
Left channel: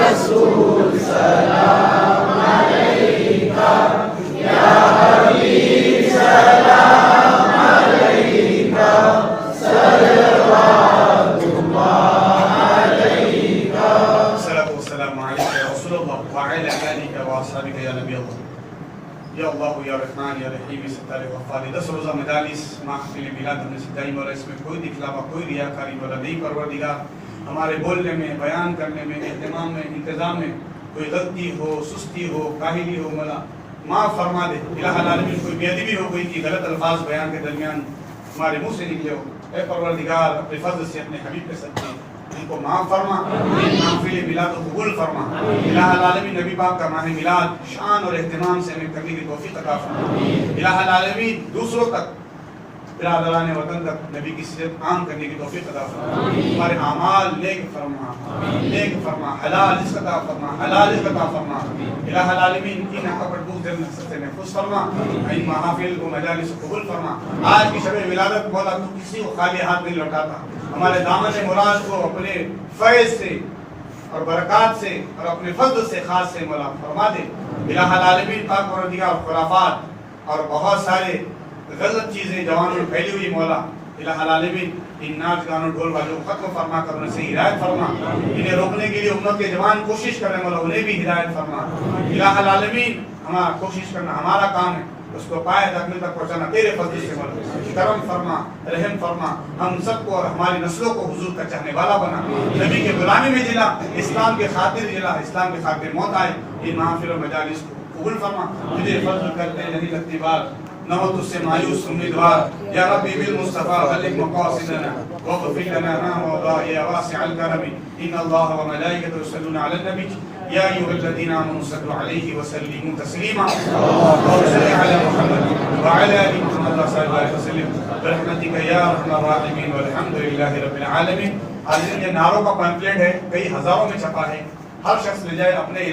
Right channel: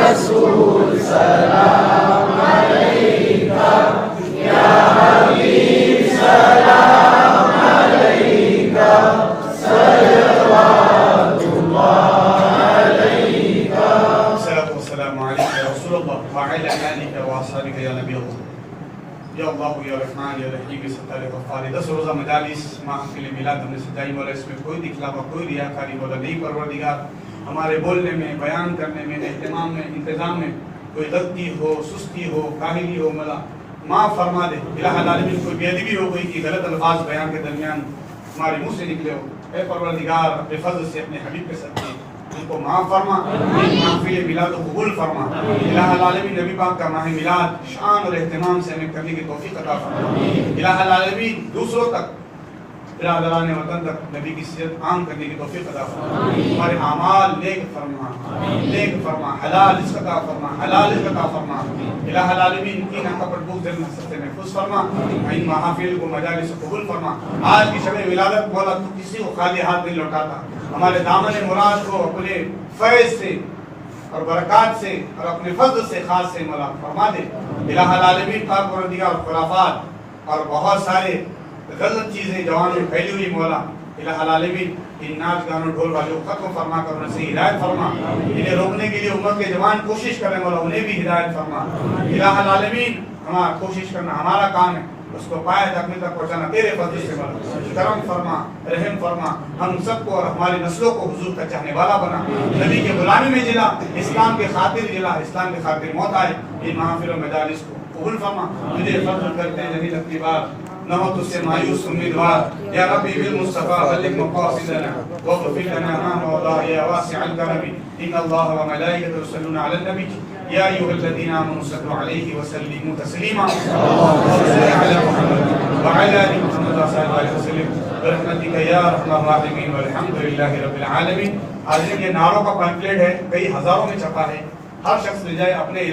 رسول سلام علیکہ، یا حبیب سلام علیکہ، صلوات اللہ علیکہ. الصلاة والسلام علیکہ یا رسول اللہ وعلی آلہ وصحبہ یا نبی اللہ. یا اللہ یا رحمان یا رحیم ستار غفار. 10 روزہ مجالس محفل میلاد ہم نے سجائی اور اس میں کوئی دکھلاوا کوئی ریاکاری والا نہیں. پروردگار ہمارے بولنے میں، بیان کرنے میں، اہتمام میں، انتظام میں کوئی غلطی ہو، سستی ہو، کاہلی ہو، مولا معاف فرما دے. الہ العالمین کوئی بے ادبی ہو گئی تھی، غلط الفاظ بیان کے درمیان ہمارے منہ سے نکلے ہو، اے پروردگار اپنے فضل سے اپنے حبیب کے ساتھ ان کو معاف فرما، محفل میلاد کو قبول فرما. الہ العالمین نبی پاک کا ماہ میلاد شان اور اہتمام سے ہمیں کرنے کی توفیق عطا فرما. الہ العالمین دوسروں تک، برادران وطن تک نبی کی سیرت عام کرنے کی توفیق عطا فرما. ہمارے اعمال نیک فرما، نیک فرما، حلال رزق عطا فرما، حلال رزق عطا فرما. الہ العالمین کی نہ کپڑ بوک دل نفس سے محفوظ فرما. ان محافل کو مجالس قبول فرما. آج کی شب ولادت مولا تو کسی کو خالی ہاتھ نہیں لوٹاتا. ہمارے دامن مراد کو اپنے فیض سے اور برکات سے اور اپنے فضل سے خاص سے مولا فرما دے. الہ العالمین پاک پروردگار خرافات اور بہت سارے غلط چیزیں جوانوں میں پھیلی ہوئی مولا الہ العالمین ان ناچ گانوں ڈھول والے کو ختم فرما کر انہیں سے ہدایت فرما. انہیں روکنے کے لیے امت کے جوان کوشش کر رہے مولا انہیں بھی ہدایت فرما. الہ العالمین ہمارا کوشش کرنا ہمارا کام ہے، اس کو پائے تکمیل تک پہنچانا تیرے فضل سے مولا. کرم فرما، رحم فرما، ہم سب کو اور ہماری نسلوں کو حضور کا چاہنے والا بنا. نبی کے غلامی میں جلا، اسلام کے خاطر جلا، اسلام کے خاطر موت آئے. ان محافل و مجالس کو قبول فرما. تجھے فضل کرتے ہیں نہیں لگتی بات، نہ ہو تجھ سے مایوس امیدوار. یا ربی بالمصطفیٰ بلغ مقاصدنا واغفر لنا ما مضى یا واسع الکرم. ان اللہ و ملائکته یصلون علی النبی یا ایھا الذین آمنوا صلوا علیہ وسلموا تسلیما اللهم صل علی محمد وعلی آل محمد وصحبہ وسلم برحمتک یا ارحم الراحمین والحمد للہ رب العالمین. یہ نعروں کا پمفلیٹ ہے، کئی ہزاروں میں چھپا ہے. ہر شخص لے جائے اپنے علاقے